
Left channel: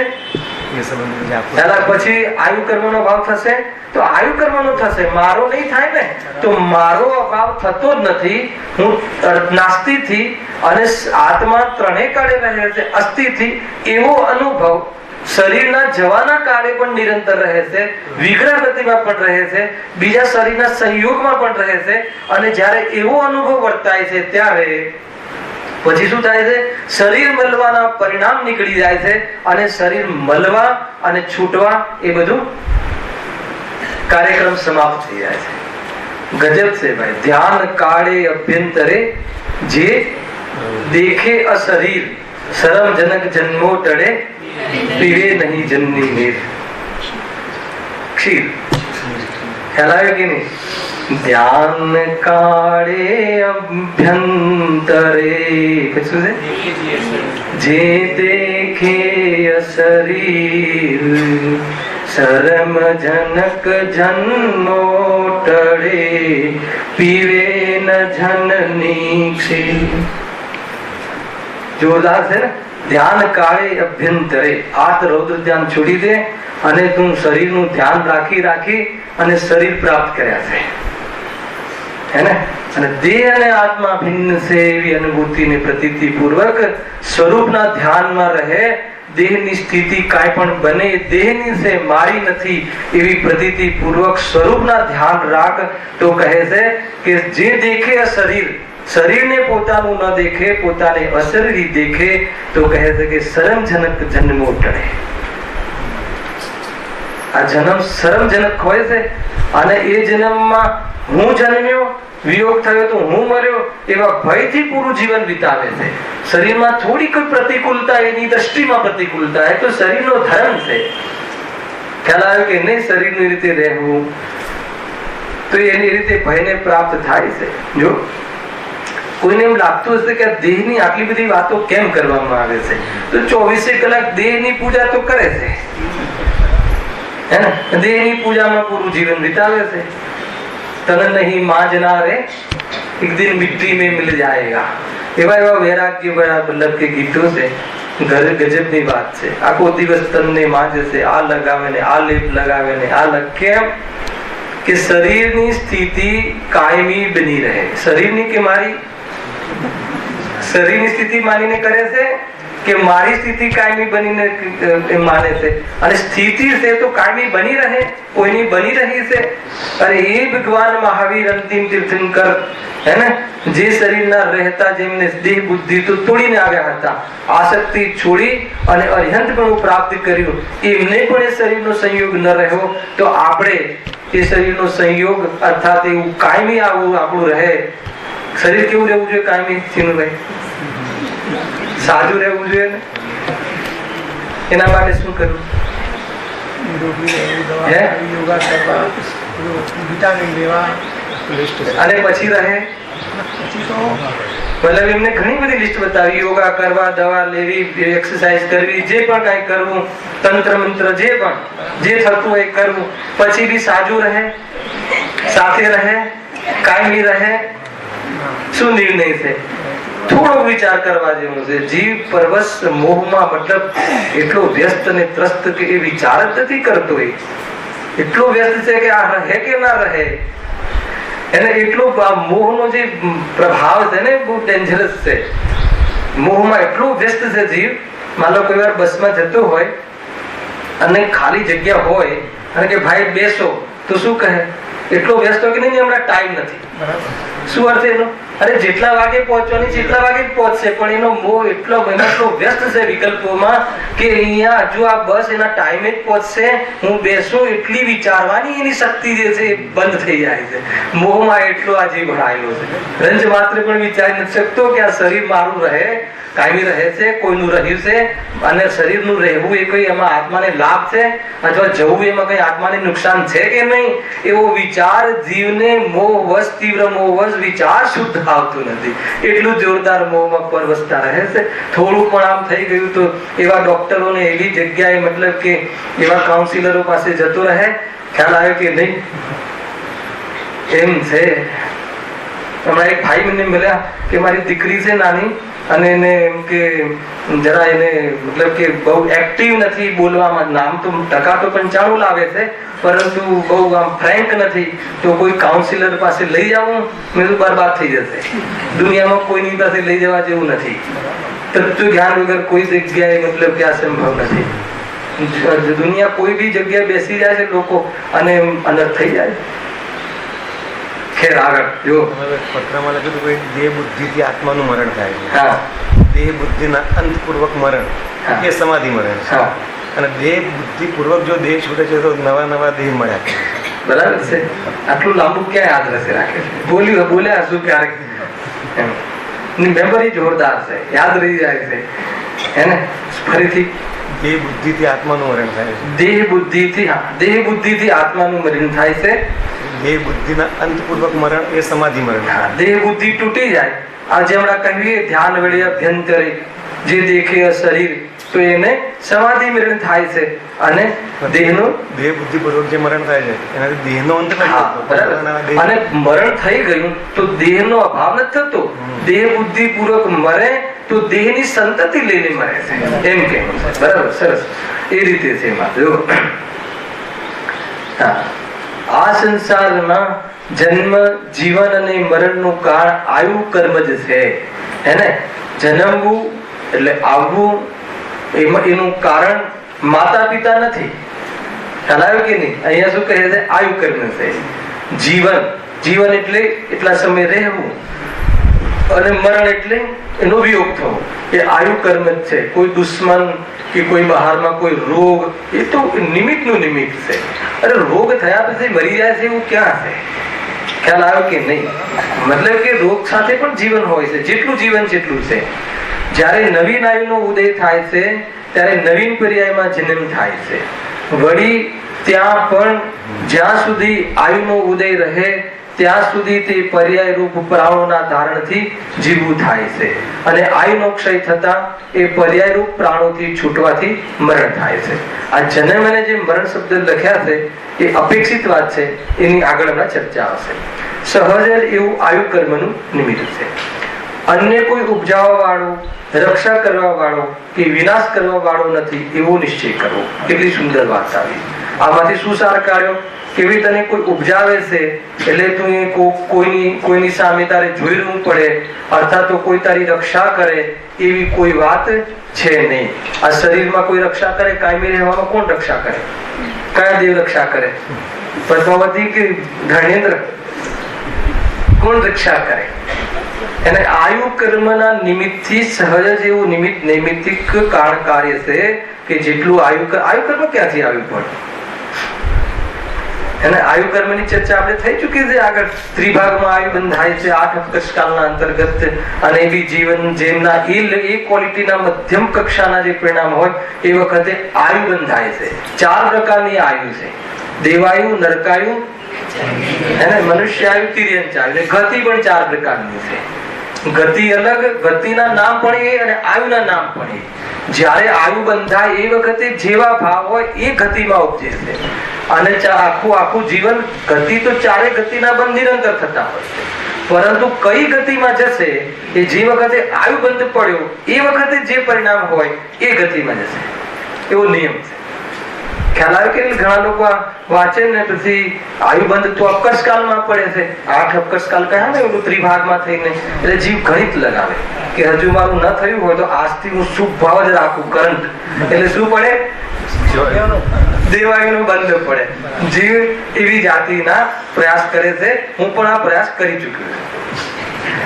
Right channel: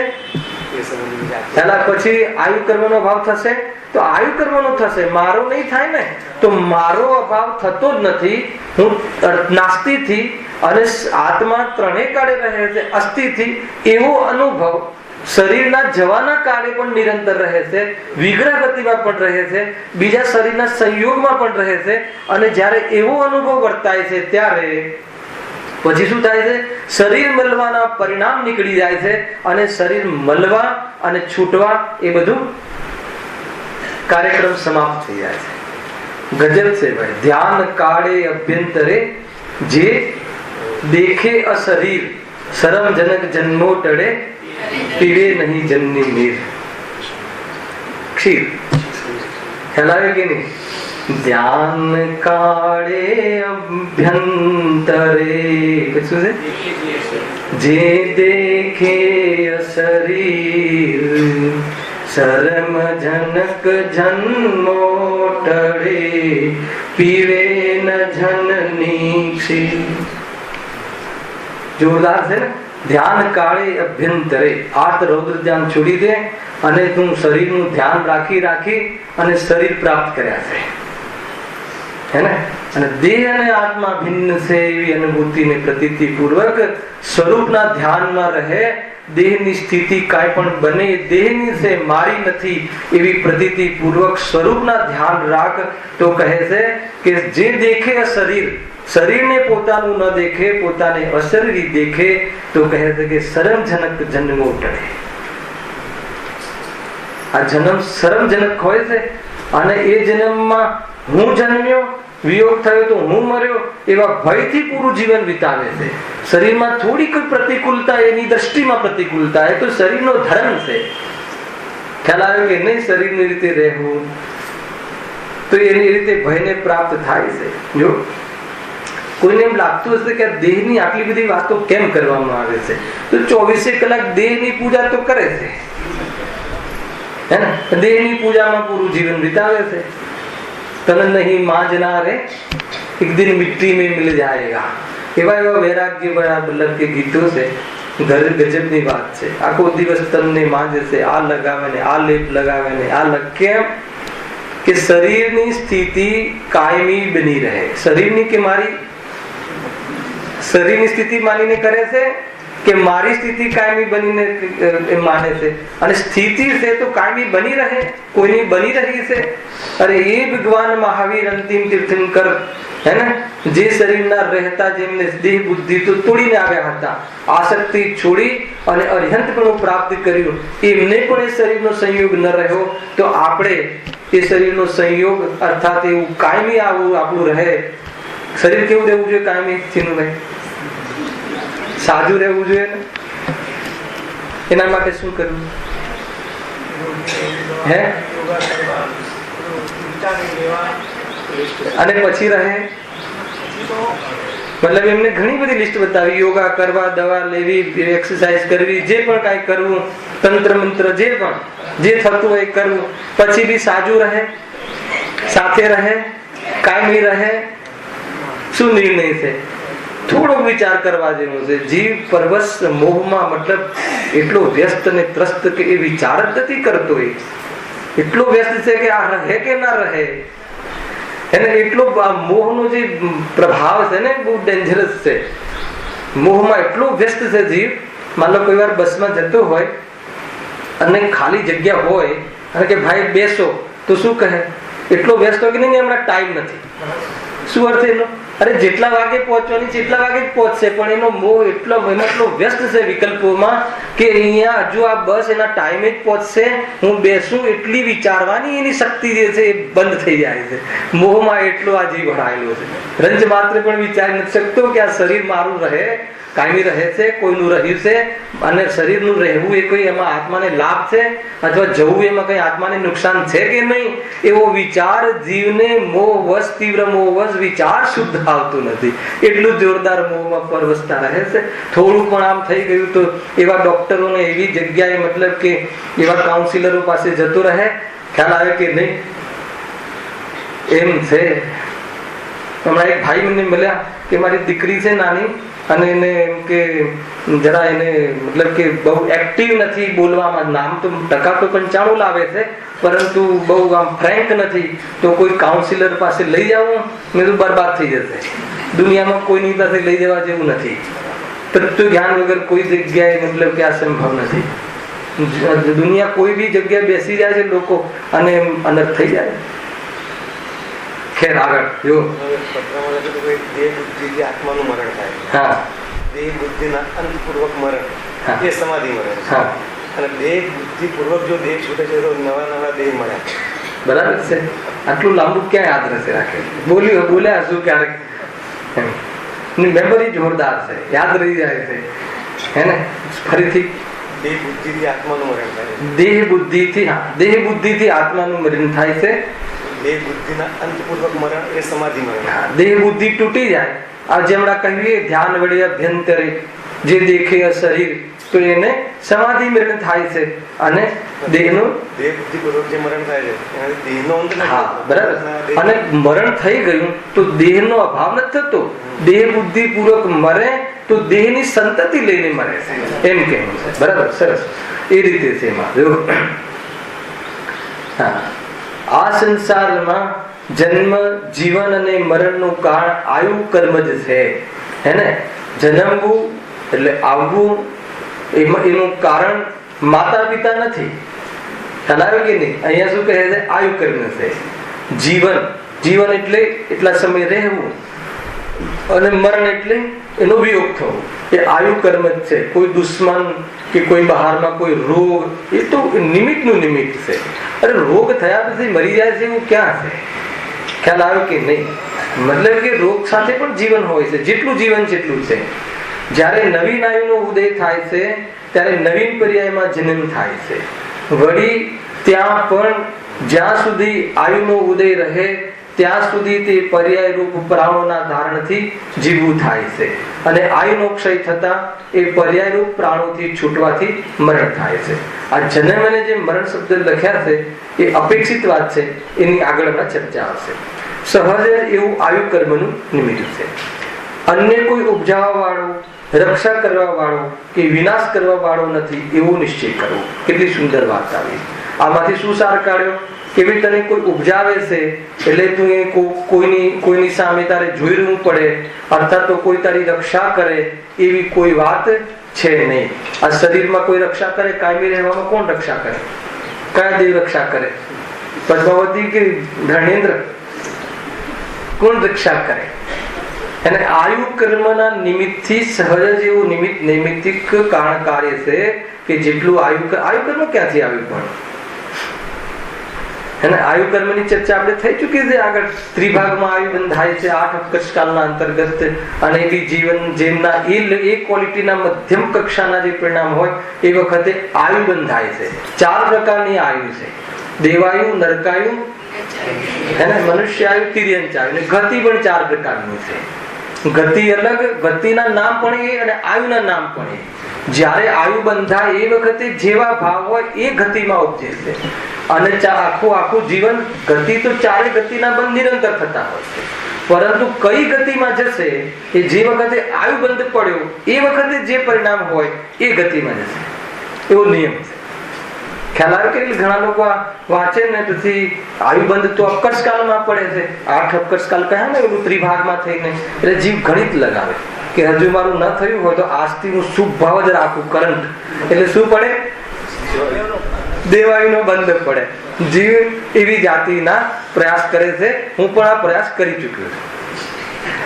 પછી આયુ કર્મનો અભાવ થશે. તો આયુ કર્મનો થશે, મારો નહીં થાય ને. તો મારો અભાવ થતો જ નથી. હું નાસ્તિથી અને આત્મા ત્રણેય કાળે રહે છે અસ્થિથી. એવો અનુભવ શરીરના જવાના કાળે પણ નિરંતર રહે છે, વિગ્રહ ગતિમાં પણ રહે છે, બીજા શરીરના સંયોગમાં પણ રહે છે. અને જ્યારે એવો અનુભવ વર્તાય છે ત્યારે પછી શું થાય છે? શરીર મળવાના પરિણામ નીકળી જાય છે અને શરીર મળવા અને છૂટવા એ બધું કાર્યક્રમ સમાપ્ત થઈ જાય છે. ગજબ છે ભાઈ. ધ્યાન કાળે અભ્યંતરે જે દેખે અશરીર શરમ જનક જન્મો ટળે પીવે નહીં જનની નીર ક્ષીર ખ્યાલ આવે કે નહીં? ધ્યાન કાળે અભ્યંતરે શું છે? જે દેખે અશરીર શરમ જનક જન્મો ટળે પીવે ન જનની ક્ષીર. જોરદાર છે ને? ધ્યાન કાળે અભ્યંતરે આત રૌદ્ર ધ્યાન છોડી દે અને તું શરીરનું ધ્યાન રાખી અને શરીર પ્રાપ્ત કર્યા છે હે ને? અને દેહ અને આત્મા ભિન્ન છે એવી અનુભૂતિને પ્રતીતિ પૂર્વક સ્વરૂપના ધ્યાનમાં રહે. દેહની સ્થિતિ કાંઈ પણ બને દેહની છે મારી નથી એવી પ્રતીતિ પૂર્વક સ્વરૂપના ધ્યાન રાખ. તો કહે છે કે જે દેખે શરીર શરીરને પોતાનું ન દેખે પોતાને અશરીરી દેખે તો કહે છે કે શરમજનક જન્મો ટળે. આ જન્મ શરમજનક હોય છે અને એ જન્મમાં હું જન્મ્યો વિયોગ થયો તો હું મર્યો એવા ભયથી પૂરું જીવન વિતાવે છે. શરીરમાં થોડી કોઈ પ્રતિકૂળતા એની દ્રષ્ટિમાં પ્રતિકૂળતા એ તો શરીરનો ધર્મ છે. ખ્યાલ આવ્યો કે નહીં? શરીરની રીતે રહેવું તો એની રીતે ભયને પ્રાપ્ત થાય છે. જો કોઈને એમ લાગતું હશે કે દેહની આટલી બધી વાતો કેમ કરવામાં આવે છે તો 24 કલાક દેહની પૂજા તો કરે છે હે ને? દેહની પૂજામાં પૂરું જીવન વિતાવે છે. તન નહીં માંजना રે એક દિન મિટ્ટી में मिल जाएगा એવા વૈરાગ્ય બના વલ્લભ કે ગીતો છે. ગજબની વાત છે. આખો દિવસ તનને માંજે છે, આ લગાવે ને આ લેપ લગાવે ને આ કેમ કે શરીરની સ્થિતિ કાયમી બની રહે. શરીરની કે મારી શરીરની સ્થિતિ માનીને કરે છે કે મારી સ્થિતિ કાયમી બનીને માને છે અને સ્થિતિ છે તો કાયમી બની રહે કોઈની બની રહી છે. અરે એ ભગવાન મહાવીર અંતિમ તીર્થંકર હે ને જે શરીરના રહેતા જેમને દેહ બુદ્ધિ તો તોડીને આવ્યા હતા આસક્તિ છોડી અને અર્હંતપણું પ્રાપ્ત કર્યું એમને પણ એ શરીરનો સંયોગ ન રહ્યો તો આપણે એ શરીરનો સંયોગ અર્થાત એવું કાયમી આવું આપણું રહે. શરીર કેવું રહેવું જોઈએ? કાયમી સ્થિતિનું રહે, સાજું રહેવું જોઈએ ને? એના માટે શું કરવું? હે અને પછી રહે મતલબ એમને ઘણી બધી લિસ્ટ બતાવી. યોગા કરવા, દવા લેવી, એક્સરસાઇઝ કરવી, જે પણ કાંઈ કરવું, તંત્ર મંત્ર જે પણ જે થતું હોય કરવું, પછી બી સાજું રહે, સાથે રહે, કાયમી રહે. શું નિર્ણય છે? થોડો વિચાર કરવા જેવો છે. જીવ પરવશ મોહમાં મતલબ એટલો વ્યસ્ત અને ત્રસ્ત કે એ વિચાર જ નથી કરતો. એટલો વ્યસ્ત છે કે આ રહે કે ના રહે એને એટલો મોહનો જે પ્રભાવ છે ને બહુ ડેન્જરસ છે. મોહમાં એટલો વ્યસ્ત છે જીવ. માનો કોઈ વાર બસમાં જતો હોય અને ખાલી જગ્યા હોય અને કે ભાઈ બેસો તો શું કહે? એટલો વ્યસ્ત હોય કે નહીં હમણાં ટાઈમ નથી. શું અર્થ એનો? અરે જેટલા વાગે પહોંચવાની જેટલા વાગે પહોંચશે પણ એનો મોહ એટલો વ્યસ્ત છે વિકલ્પોમાં કે અહીંયા હજુ આ બસ એના ટાઈમે જ પહોંચશે, હું બેસું એટલી વિચારવાની એની શક્તિ જે છે એ બંધ થઈ જાય છે. મોહમાં એટલો આ જીવ ભરાયેલો છે. રંજ માત્ર પણ વિચારી નથી શકતો કે આ શરીર મારું રહે, કાયમી રહે છે, કોઈનું રહ્યું છે અને શરીરનું રહેવું એ કોઈ એમાં આત્માને લાભ છે અથવા જવું એમાં કઈ આત્માને નુકસાન છે કે નહીં એવો વિચાર જીવને મોહવશ તીવ્ર મોહવશ વિચાર શુદ્ધ આવતું નથી. એટલું જોરદાર મોહમાં પરવશતા રહે છે. થોડું પણ આમ થઈ ગયું તો એવા ડોક્ટરોને એવી જગ્યાએ મતલબ કે એવા કાઉન્સિલરો પાસે જતો રહે. ખ્યાલ આવે કે નહીં? એમ છે. હમણાં એક ભાઈ મને મળ્યા કે મારી દીકરી છે નાની અને એને એમ કે જરા એને મતલબ કે બહુ એક્ટિવ નથી બોલવામાં. નામ તો ટકા તો 95 લાવે છે પરંતુ બહુ આમ ફ્રેન્ક નથી. તો કોઈ કાઉન્સિલર પાસે લઈ જાઉં મેં તો બરબાદ થઈ જશે. દુનિયામાં કોઈની પાસે લઈ જવા જેવું નથી. તત્વ જ્ઞાન વગર કોઈ જગ્યાએ મતલબ કે આ સંભવ નથી. દુનિયા કોઈ બી જગ્યાએ બેસી રહ્યા છે લોકો અને અંદર થઈ જાય. ખેર આગળ જો પત્રમાં લખેલું દેહ બુદ્ધિથી આત્માનું મરણ થાય. હા, દેહ બુદ્ધિના અંતપૂર્વક મરણ એ સમાધિ મરણ. હા, અને દેહ બુદ્ધિ પૂર્વક જો દેહ છૂટે છે તો નવા નવા દેહ મળ્યા. બરાબર છે. આટલું લાંબુ ક્યાં યાદ રહેશે? રાખે બોલ્યા શું ક્યારેક મેમરી જોરદાર છે, યાદ રહી જાય છે. હે ને? ફરીથી દેહ બુદ્ધિથી આત્માનું મરણ થાય છે. દેહ બુદ્ધિથી આત્માનું મરણ થાય છે. દેહ બુદ્ધિના અંતપૂર્વક મરણ એ સમાધિ મરણ. દેહ બુદ્ધિ તૂટી જાય. આ જેમણા કહીએ ધ્યાન વડે અભ્યંતરે જે દેખે શરીર, તો એને સમાધિ મરણ થાય છે. અને દેહનું દેહ બુદ્ધિ પૂર્વક જે મરણ થાય છે એનાથી દેહનો અંત નથી થતો. બરાબર. અને મરણ થઈ ગયું તો દેહનો અભાવ નથી થતો. દેહ બુદ્ધિ પૂર્વક મરે તો દેહની સંતતિ લઈને મરે છે, એમ કે. બરાબર, સરસ. એ રીતે છે એમાં જો. આ સંસારમાં જન્મ, જીવન અને મરણનું કારણ આયુ કર્મ જ છે. હે ને? જન્મવું એટલે આવવું, એનું કારણ માતા પિતા નથી. ખ્યાલ કે નહીં? અહીંયા શું કહે છે? આયુ કર્મ છે. જીવન એટલે એટલા સમય રહેવું, અને મરણ એટલે એનો વિયોગ થવો, એ આયુ કર્મ જ છે. કોઈ દુશ્મન કે કોઈ બહારમાં કોઈ રોગ, એ તો નિમિત્તનું નિમિત્ત છે. અરે રોગ થયા પછી મરી જાય છે એવું ક્યાં છે? ખ્યાલ આવ્યો કે નહીં? મતલબ કે રોગ સાથે પણ જીવન હોય છે, જેટલું જીવન જેટલું છે. જ્યારે નવીન આયુનો ઉદય થાય છે ત્યારે નવીન પર્યાયમાં જન્મ થાય છે. વળી ત્યાં પણ જ્યાં સુધી આયુનો ઉદય રહે ત્યાં સુધી તે પર્યાય રૂપ પ્રાણોના ધારણથી જીવવું થાય છે. અને આયુનો ક્ષય થતા એ પર્યાય રૂપ પ્રાણોથી છૂટવાથી મરણ થાય છે. આ જન્મ અને જે મરણ શબ્દ લખ્યા છે એ અપેક્ષિત વાત છે, એની આગળ હમણાં ચર્ચા આવશે. સહજ એવું આયુ કર્મનું નિમિત્ત છે. અન્ય કોઈ ઉપજાવવા વાળું, રક્ષા કરવા વાળું કે વિનાશ કરવા વાળું નથી એવો નિશ્ચય કરવો. કેટલી સુંદર વાત આવી. આમાંથી શું સાર કાઢ્યો? કે ભાઈ તને કોઈ ઉપજાવે છે એટલે તું કોઈની સામે તારે જોઈ રહેવું પડે, અર્થાત તો કોઈ તારી રક્ષા કરે એવી કોઈ વાત છે નહીં. આ શરીરમાં કોઈ રક્ષા કરે? કાયમી રહેવામાં કોણ રક્ષા કરે? કયા દેવ રક્ષા કરે? પદ્માવતી કે ધર્મેન્દ્ર? કોણ રક્ષા કરે? અને આયુ કર્મના નિમિત્તથી સહજ એવું નૈમિત્તિક કારણ કાર્ય છે કે જેટલું આયુ કર્મ ક્યાંથી આવ્યું પણ? અને આયુ કર્મની ચર્ચા આપણે થઈ ચૂકી છે આગળ. ત્રિભાગમાં આયુ બંધાય છે 8 અપકર્ષકાલના અંતર્ગત. અને એવી જીવન જેમના એ ક્વોલિટીના મધ્યમ કક્ષાના જે પરિણામ હોય એ વખતે આયુ બંધાય છે. 4 પ્રકારની આયુ છે: દેવાયુ, નરકાયુ, અને મનુષ્ય આયુ, તિર્યંચ આયુ. ગતિ પણ 4 પ્રકારની છે. ગતિ અલગ, ગતિના નામ પણ એ અને આયુના નામ પણ એ. જ્યારે આયુ બંધાય એ વખતે જેવા ભાવ હોય એ ગતિમાં ઉપજે છે. અને આખું જીવન ગતિ તો 4 ગતિના બંધ નિરંતર થતા હોય છે. પરંતુ કઈ ગતિમાં જશે એ જે વખતે આયુ બંધ પડ્યો એ વખતે જે પરિણામ હોય એ ગતિમાં જશે, એવો નિયમ છે. ખ્યાલ આવ્યો કે ઘણા લોકો વાંચે ને પછી આયુ બંધ તો અપકર્ષકાલમાં પડે છે. 8 અપકર્ષકાલ કહ્યા ને એવું ત્રિભાગમાં થઈને, એટલે જીવ ગણિત લગાવે કે હજુ મારું ન થયું હોય તો આજથી હું શુભ ભાવ જ રાખું, કરંટ. એટલે શું પડે? દેવાયુનો બંધ પડે. જીવ એવી જાતિના પ્રયાસ કરે છે. હું પણ આ પ્રયાસ કરી ચૂક્યો છું.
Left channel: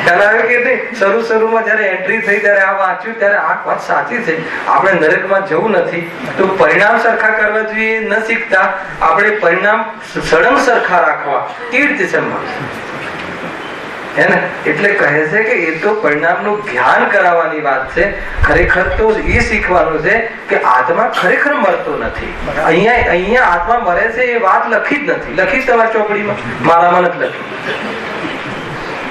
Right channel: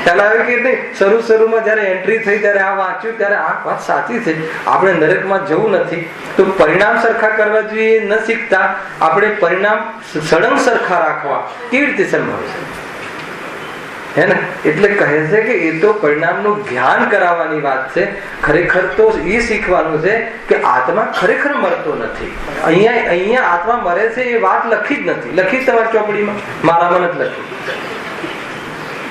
ખ્યાલ આવ્યો કે નહીં? શરૂમાં જયારે એન્ટ્રી થઈ ત્યારે આ વાંચ્યું ત્યારે આ વાત સાચી છે. આપણે નરકમાં જવું નથી તો પરિણામ સરખા કરવા જોઈએ. ન શીખતા આપણે પરિણામ સળંગ સરખા રાખવા કેવી રીતે સંભવ છે? હે ને? એટલે કહે છે કે એ તો પરિણામનું જ્ઞાન કરાવવાની વાત છે. ખરેખર તો એ શીખવાનું છે કે આત્મા ખરેખર મરતો નથી. અહીંયા આત્મા મરે છે એ વાત લખી જ નથી. લખી તમારી ચોપડીમાં? મારામાં નથી લખી.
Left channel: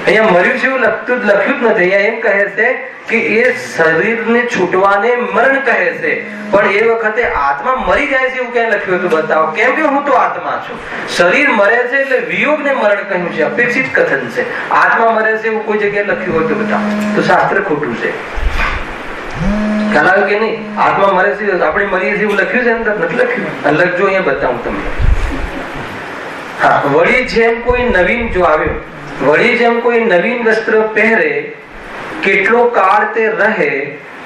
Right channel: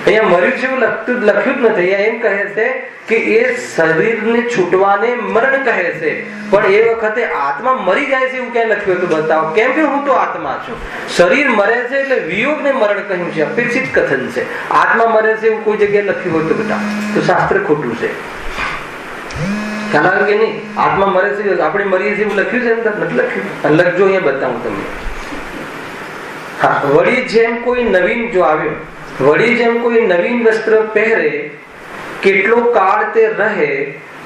અહીંયા મર્યું છે એવું લખ્યું જ નથી. અહીંયા એમ કહે છે કે એ શરીરને છૂટવાને મરણ કહે છે, પણ એ વખતે આત્મા મરી જાય છે એવું ક્યાં લખ્યું હતું? બતાવો. કેમ કે હું તો આત્મા છું. શરીર મરે છે એટલે વિયોગને મરણ કહ્યું છે, અપેક્ષિત કથન છે. આત્મા મરે છે એવું કોઈ જગ્યાએ લખ્યું હોય તો બતાવો. તો શાસ્ત્ર ખોટું છે. ખ્યાલ આવ્યો કે નહીં? આત્મા મરે છે, આપણે મરીએ છીએ એવું લખ્યું છે? અંદર નથી લખ્યું. લખજો, અહીંયા બતાવું તમને. હા, વળી જેમ કોઈ નવીન જો આવ્યો, વળી જેમ કોઈ નવીન વસ્ત્ર પહેરે, કેટલો કાળ તે રહે,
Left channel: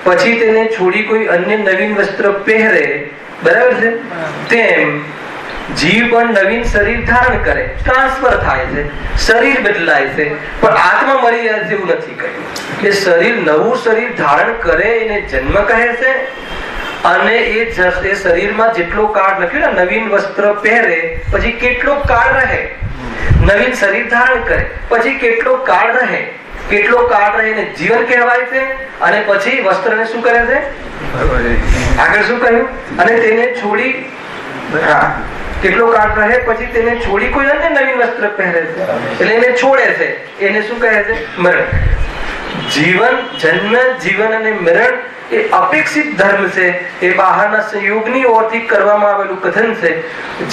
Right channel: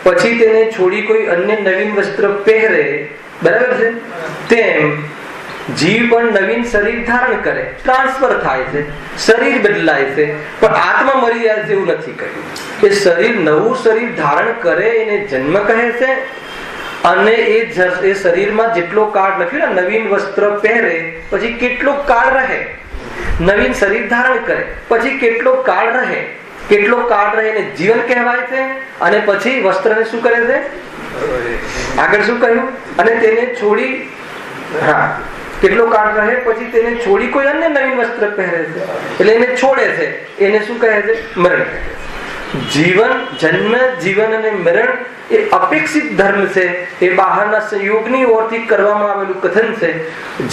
પછી તેને છોડી કોઈ અન્ય નવીન વસ્ત્ર પહેરે, બરાબર છે? તેમ જીવ પણ નવીન શરીર ધારણ કરે, ટ્રાન્સફર થાય છે, શરીર બદલાય છે, પણ આત્મા મરી જાય છે એવું નથી કહ્યું. એ શરીર નવું શરીર ધારણ કરે એને જન્મ કહે છે. અને એ શરીરમાં જેટલો કાળ લખ્યું ને, નવીન વસ્ત્ર પહેરે પછી કેટલો કાળ રહે, નવીન શરીર ધારણ કરે પછી કેટલો કાળ રહે, કેટલો કાળ રહે એને જીવન કહેવાય છે, અને પછી વસ્ત્રને શું કરે છે? આગળ શું કહ્યું? અને તેને છોડી, હા, કેટલો કાળ રહે પછી તેને છોડી કોઈ અન્ય નવીન વસ્ત્ર પહેરે છે, એટલે એને છોડે છે. એને શું કહે છે? મરણ. જીવન, જન્મ, જીવન અને મરણ એ અપેક્ષિત ધર્મ છે. એ બહારના સંયોગની ઓરથી કરવામાં આવેલું કથન છે.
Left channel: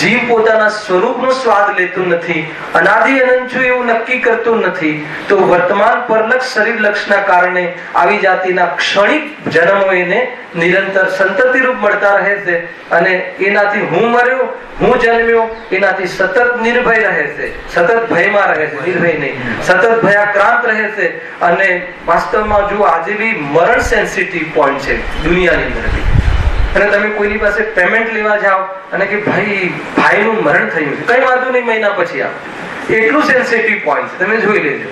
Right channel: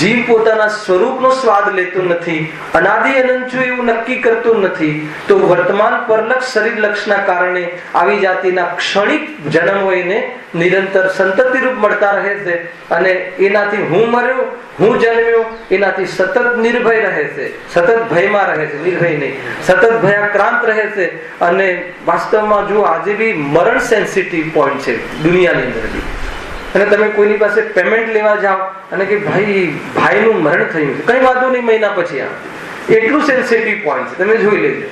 જીવ પોતાના સ્વરૂપનો સ્વાદ લેતો નથી, અનાદિ અનંત છું એવું નક્કી કરતો નથી, તો વર્તમાન પરલક્ષ શરીર લક્ષના કારણે આવી જાતિના ક્ષણિક જન્મો એને નિરંતર સંતતિ રૂપ મળતા રહે છે, અને એનાથી હું મર્યો, હું જન્મ્યો, એનાથી સતત નિર્ભય રહે છે, સતત ભયમાં રહે છે, નિર્ભય નહીં, સતત ભયાક્રાંત રહે છે. અને વાસ્તવમાં જો આજે બી મરણ સેન્સિટિવ પોઈન્ટ છે દુનિયાની અંદર, અને તમે કોઈની પાસે પેમેન્ટ લેવા જાઓ અને કે ભાઈનું મરણ થયું છે, કઈ વાંધો નહીં, મહિના પછી આવે, એટલું સેન્સિટિવ પોઈન્ટ છે. તમે જોઈ લેજો,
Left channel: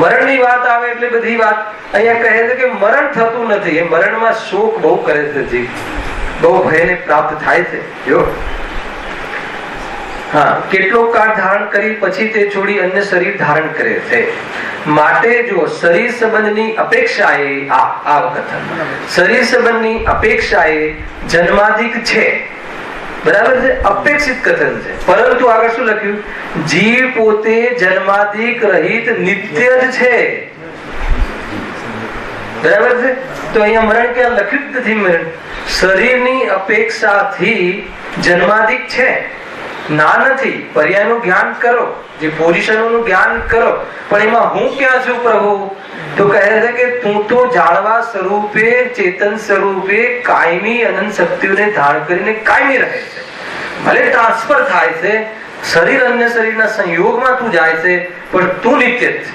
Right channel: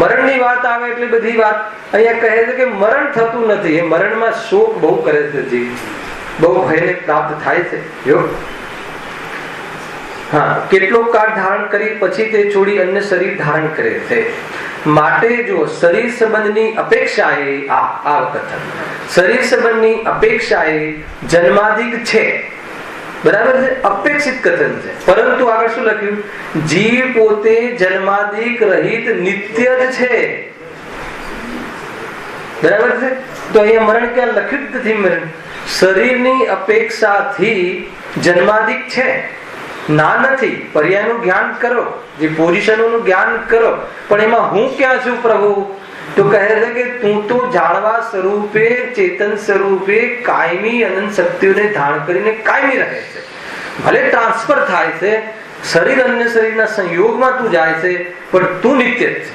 મરણની વાત આવે એટલે બધી વાત. અહીંયા કહે છે કે મરણ થતું નથી, એ મરણમાં શોક બહુ કરે છે જીવ, બહુ ભયને પ્રાપ્ત થાય છે. જો હા, કેટલો કાળ ધારણ કરી પછી તે છોડી અન્ય શરીર ધારણ કરે છે. માટે જો શરીર સંબંધની અપેક્ષાએ આ કથન શરીર સંબંધની અપેક્ષાએ જન્માધિક છે, બરાબર છે, અપેક્ષિત કથન છે. પરંતુ આગળ શું લખ્યું? જીવ પોતે જન્માધિક રહિત નિત્ય જ છે, બરાબર છે. તો અહીંયા મરણ ક્યાં લખ્યું જ નથી. મરણ શરીરની અપેક્ષાથી જન્માધિક છે, ના નથી. પર્યાયનું જ્ઞાન કરો, જે પોઝિશનોનું જ્ઞાન કરો, પણ એમાં હું ક્યાં છું પ્રભુ? તો કહે છે કે તું તો જાણવા સ્વરૂપે, ચેતન સ્વરૂપે કાયમી અનંત શક્તિઓને ધારણ કરીને કાયમી રહે છે. ભલે ટ્રાન્સફર થાય છે, શરીર અન્ય શરીરના સંયોગમાં તું જાય છે, પણ તું નિત્ય જ છે.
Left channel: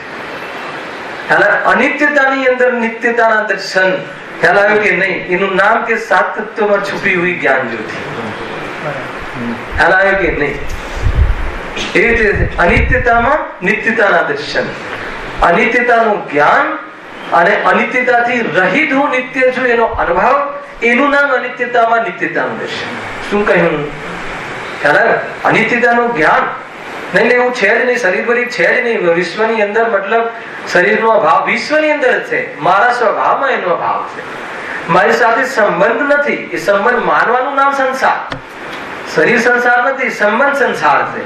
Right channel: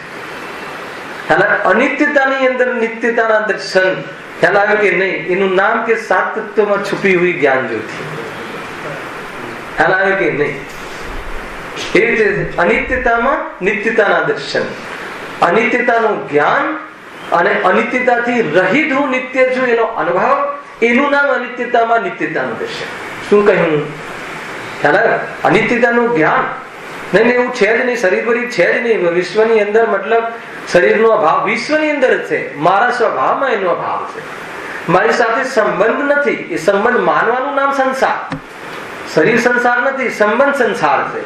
અનિત્યતાની અંદર નિત્યતાના દર્શન ખ્યાલ આવ્યો કે નહીં? એનું નામ કે સાત તત્વમાં છુપી હુઈ જ્ઞાન જ્યોતિ. ખ્યાલ આવ્યો કે નહીં? એ રીતે અનિત્યતામાં નિત્યતાના દર્શન, અનિત્યતાનું જ્ઞાન, અને અનિત્યતાથી રહિત હું નિત્ય છું એનો અનુભવ, એનું નામ અનિત્યતામાં નિત્યતાનું દર્શન. શું કહ્યું? ખ્યાલ આવ્યો? અનિત્યતાનું જ્ઞાન નહીં, એવું છે જ નહીં, શરીર ભરી છે જ નહીં વિશ્વની અંદર. મતલબ શરીરનો અભાવ વિશ્વની અંદર જ છે, મારા સ્વભાવમાં એનો અભાવ છે. મારી સાથે સંબંધ નથી, એ સંબંધ માનવાનું નામ સંસાર. શરીર સંસાર નથી, સંબંધ સંસાર છે.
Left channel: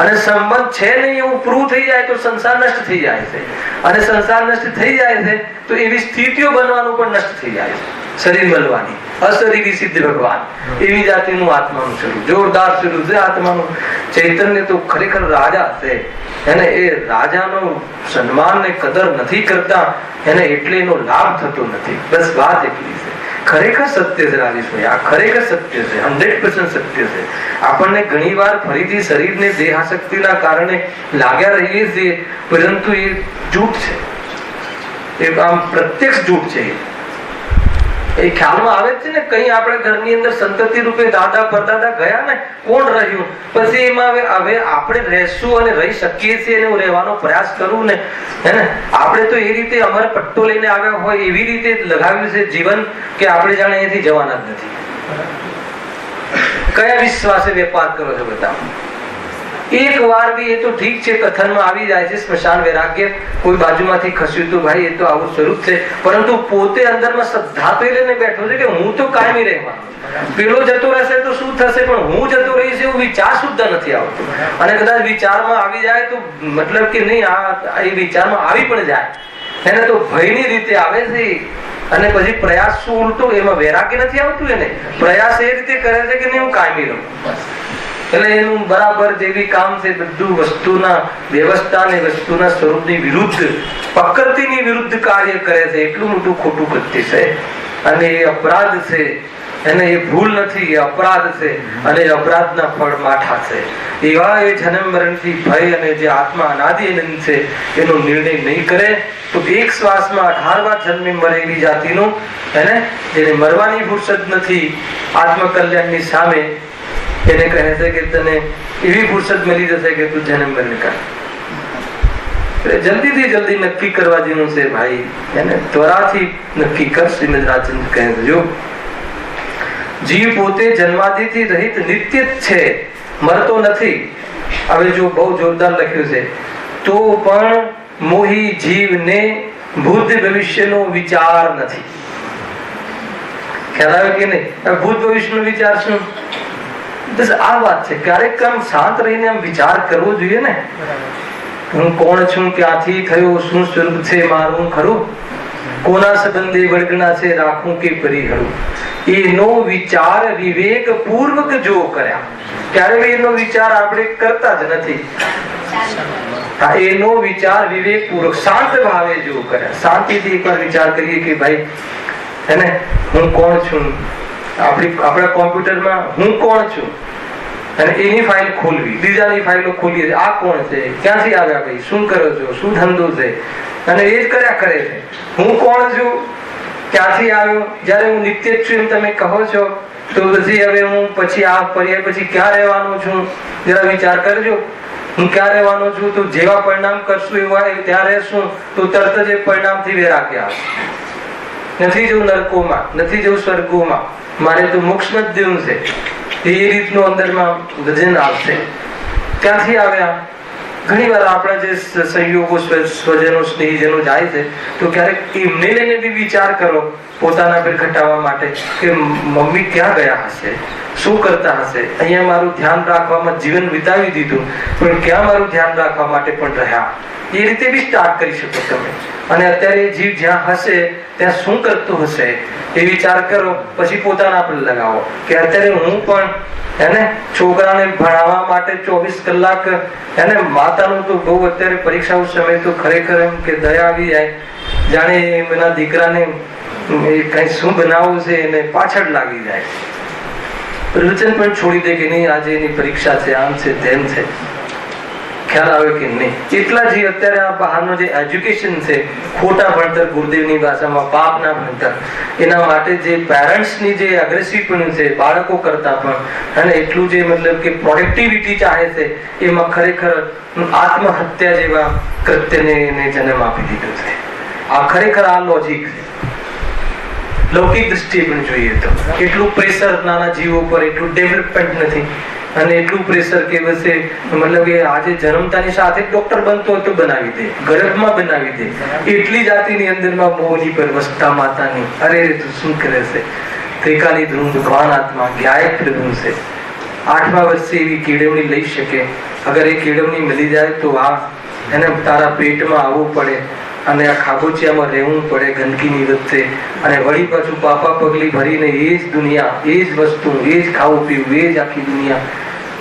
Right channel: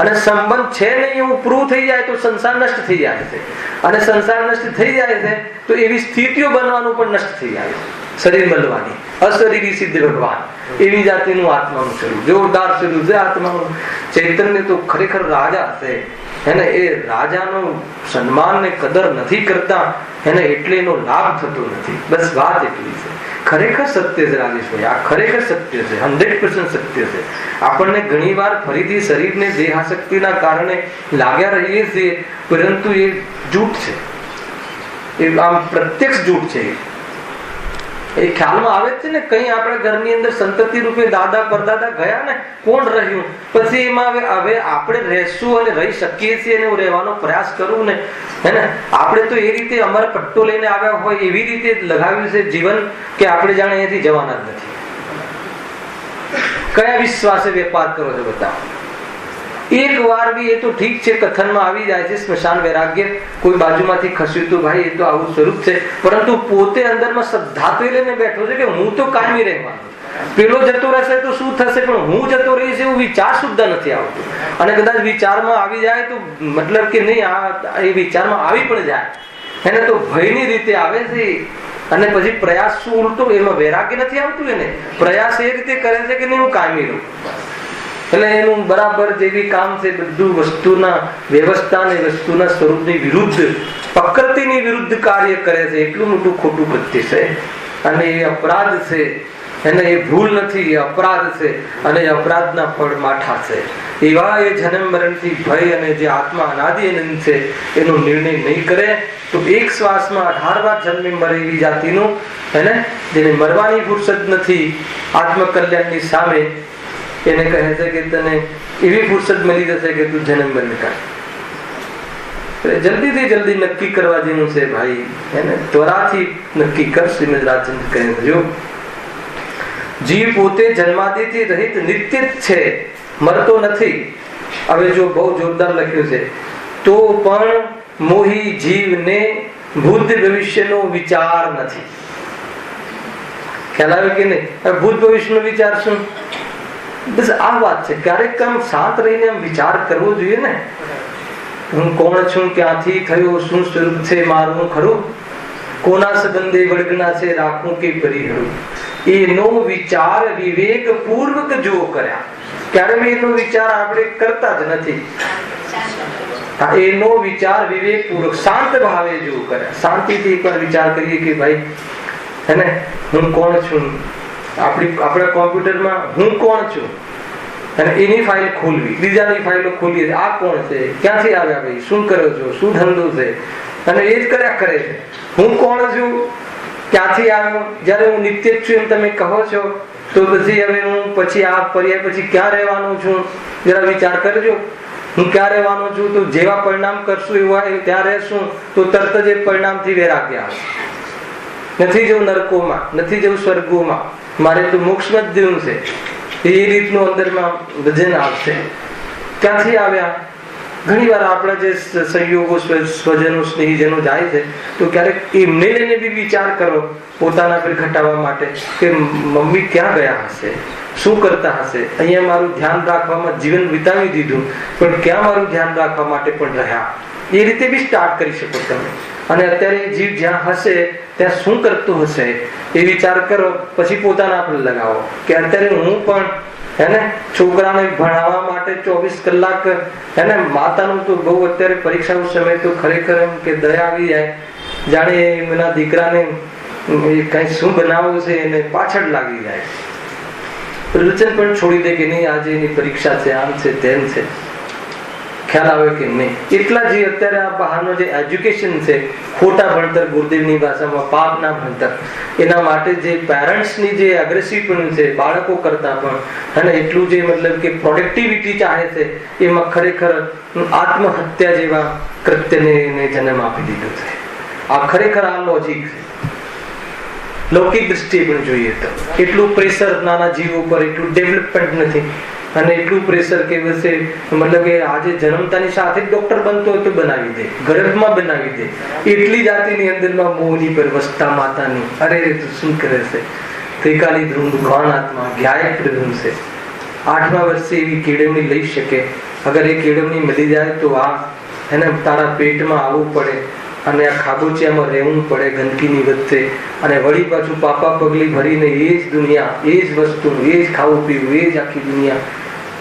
અને સંબંધ છે નહીં એવું પ્રૂવ થઈ જાય તો સંસાર નષ્ટ થઈ જાય છે, અને સંસાર નષ્ટ થઈ જાય છે તો એવી સ્થિતિઓ બનવાનું પણ નષ્ટ થઈ જાય છે. શરીર મળવાની અશરીરી સિદ્ધ ભગવાન, એવી જાતિનું આત્માનું સ્વરૂપ, જોરદાર સ્વરૂપ છે આત્માનું. ચૈતન્ય તો ખરેખર રાજા છે, એને એ રાજાનું સન્માન ને કદર નથી કરતા, એને એટલે એનો લાભ થતો નથી. બસ વાત એટલી છે. ખરેખર સત્ય છે રાજેશભાઈ, આ ખરેખર સત્ય છે, 100% સત્ય છે. આપણને ઘણી વાર ફરીથી શરીરને દેહાશક્તિના કારણે લાગ્યા રહીએ છીએ, પરંતુ એ જૂઠ છે, એ આમ પ્રત્યક્ષ જૂઠ છે. એ ખ્યાલમાં આવે છે ને, કઈ આપણે ઘરની અંદર સંતતિ રૂપે દાદા પરદાદા ગયા ને, કોણ રહ્યું, પછી એમાં હવે આપણે રહેશું અને રહી શકીએ છીએ, અને રહેવાનો પ્રયાસ કરવું ને, હે ને? આપણે તો એ રીતે અમર પટ્ટો લઈને આવ્યા હોય એવી રીતે લગાવ્યું છે જીવન કે આપણે જાણે અહીંયાથી જવાના જ નથી. કયા વિશ્વાસે વેપાર કરો છો બતાવો? એક વાર બી એ તો ઠીક છે, કથનમાં આવી જાય છે સ્મશાન વૈરાગ્ય, કોઈ બાજુમાંથી ખસ્યું તો ભાઈ એ તો આવું સ્વરૂપ છે, પરંતુ પોતે અંદરમાં શ્રદ્ધા તો લઈને બેઠો છે કે હું તો કાયમી રહેવાનો, પેલો જતો રહેશે તો શું થશે, પણ હું જતો રહીશ એવું વિચાર શુદ્ધ નથી આવતો. અને કદાચ વિચારમાં આવી જાય તો મતલબ કે નહીં, આ એ વિચારમાં આવી પણ જાય એને તો ભયની રીતે આવે છે. અને પછી પ્રયાસ શું ઉલટો, એમાં વૈરાગ્ય નથી આવતું, એને પ્રયાસ એ રીતે કરે છે કે નહીં હું કાયમી રહું. એટલે એનું બરાબર જેવી કામ છે બધું વસ્તુના વ્યવસ્થા ને વસ્તુના સ્વરૂપની વિરુદ્ધ, પ્રકૃતિની વિરુદ્ધ કાર્ય કરે છે. એટલું મોટું ખોટું કૃત્ય છે, અને એ અપરાધ છે, એને એ ભૂલ નથી, એ અપરાધ છે, અને અપરાધના ફળ માઠા છે. એવા એ જન્મ મરણથી ભય અને જે આત્મા અનાદિ અનંત છે એનો નિર્ણય નહીં કરે તો એક શ્વાસમાં 18 વાર જન્મી મરે એવી જાતિનું, એને જેને મરવાની ફુરસદ નથી આત્મકલ્યાણની સામે, એને કહે છે કે તને એવી ફુરસદ મળી જશે કે તું જન્મ મરણ કર. જલ્દીથી જલ્દી નક્કી કરવા જેનું છે ભાઈ, એને ત્વરાથી નક્કી કર. શ્રીમદ રાજચંદ્ર કહે છે જો જીવ પોતે જન્માદિથી રહિત નિત્ય જ છે, મરતો નથી. હવે જો બહુ જોરદાર લખ્યું છે, તો પણ મોહી જીવને ભૂત ભવિષ્યનો વિચાર નથી. ખ્યાલ આવે કે નહીં? ભૂત ભવિષ્યનો વિચાર શું? બસ આ વાત છે. ક્યારેક આમ શાંત રહીને આમ વિચાર કરવો જોઈએ ને. હું કોણ છું, ક્યાંથી થયો, શું સ્વરૂપ છે મારું ખરું, કોના સંબંધે વળગના છે રાખું કે પરિહરું, એનો વિચાર વિવેક પૂર્વક જો કર્યા, ક્યારે એનો વિચાર આપણે કરતા જ નથી. એનો વિચાર વિવેક પૂર્વક શાંત ભાવે જો કર્યા, શાંતિથી એકવાર વિચાર કરીએ કે ભાઈ હે ને, હું કોણ છું, આપણા કોમ્પ્યુટરમાં હું કોણ છું, અને એની ફાઇલ ખોલવી, બીજાની ફાઇલો ખોલીએ, આ કોણ છે, ક્યાંથી આવ્યા ભાઈ, શું કરો છો, શું ધંધો છે, અને એ જ કર્યા કરે છે. હું કોણ છું, ક્યાંથી આવ્યો, જયારે હું નિત્ય જ છું એમ તમે કહો છો, તો પછી હવે હું પછી આ પર્યાય પછી ક્યાં રહેવાનું છું, જરા વિચાર કરજો. હું ક્યાં રહેવાનો છું, તો જેવા પરિણામ કરશું એવા ત્યાં રહેશું, તો તરત જ એ પરિણામથી વૈરાગ્ય આવે. નથી જવું નરકોમાં, નથી જવું સ્વર્ગોમાં, મારે તો મોક્ષમાં જ દેવું છે, એ રીતનું અંદરમાં વજન આવશે. ક્યાંથી આવ્યા? ઘણી વાર આપણા જે સહયોગો સ્વજનો સ્નેહીજનો જાય છે, તો ક્યારેક એમને લઈને બી વિચાર કરો પોતાના પર ઘટાડવા માટે કે મમ્મી ક્યાં ગયા હશે, શું કરતા હશે, અહીંયા મારું ધ્યાન રાખવામાં જીવન વિતાવી દીધું, પણ ક્યાં મારું ધ્યાન રાખવા માટે પણ રહ્યા. એ રીતે બી સ્ટાર્ટ કરી શકો તમે. અને અત્યારે જીવ જ્યાં હશે ત્યાં શું કરતું હશે એ વિચાર કરો, પછી પોતાના પર લગાવો કે અત્યારે હું પણ હેને છોકરાને ભણાવવા માટે 24 કલાક હેને, માતાનું તો બહુ અત્યારે પરીક્ષાનો સમય તો ખરેખર એમ કે દયા આવી જાય, જાણે એના દીકરાને કઈ શું બનાવવું છે એને પાછળ લાગી જાય. વચન પણ છોડી દે કે નહીં આજે એની પરીક્ષા છે, આમ છે તેમ છે. ખ્યાલ આવે કે નહીં? એટલા જે અત્યારે આ બહારનો જે એજ્યુકેશન છે, ખોટા ભણતર, ગુરુદેવની ભાષામાં પાપના ભણતર, એના માટે જે પેરેન્ટ્સની જે અગ્રેસિવપણું છે બાળકો કરતા પણ, અને એટલું જે મતલબ કે પ્રોડક્ટિવિટી ચાહે છે, એમાં ખરેખર આત્મહત્યા જેવા કૃત્યને જન્મ આપી દીધો છે. આ ખરેખર આ લોજિક છે. લૌકિક દ્રષ્ટિએ પણ જોઈએ તો એટલું પ્રેશર નાના જીવો પર, એટલું ડેવલપમેન્ટ નથી, અને એટલું પ્રેશર કે વસે મતલબ કે આજે જન્મતાની સાથે ડોક્ટર બનતો હોય તો બનાવી દે, ગર્ભમાં બનાવી દે, એટલી જાતિની અંદરમાં મોહની પર વસતા માતાની, અરે તું શું કરે છે, ત્રિકાલી ધ્રુવ ગૌણ આત્મા ગાયક ધ્રુવ છે. 8મા વર્ષે એવી કેળવણી લઈ શકે. અગર એ કેળવણી મળી જાય તો આ એને તારા પેટમાં આવવું પડે, અને આ ખાબોચિયામાં રહેવું પડે ગંદકીની વચ્ચે, અને વળી પાછું પાપા પગલી ભરીને એ જ દુનિયા, એ જ વસ્તુ, એ જ ખાવું પીવું, એ જ આખી દુનિયા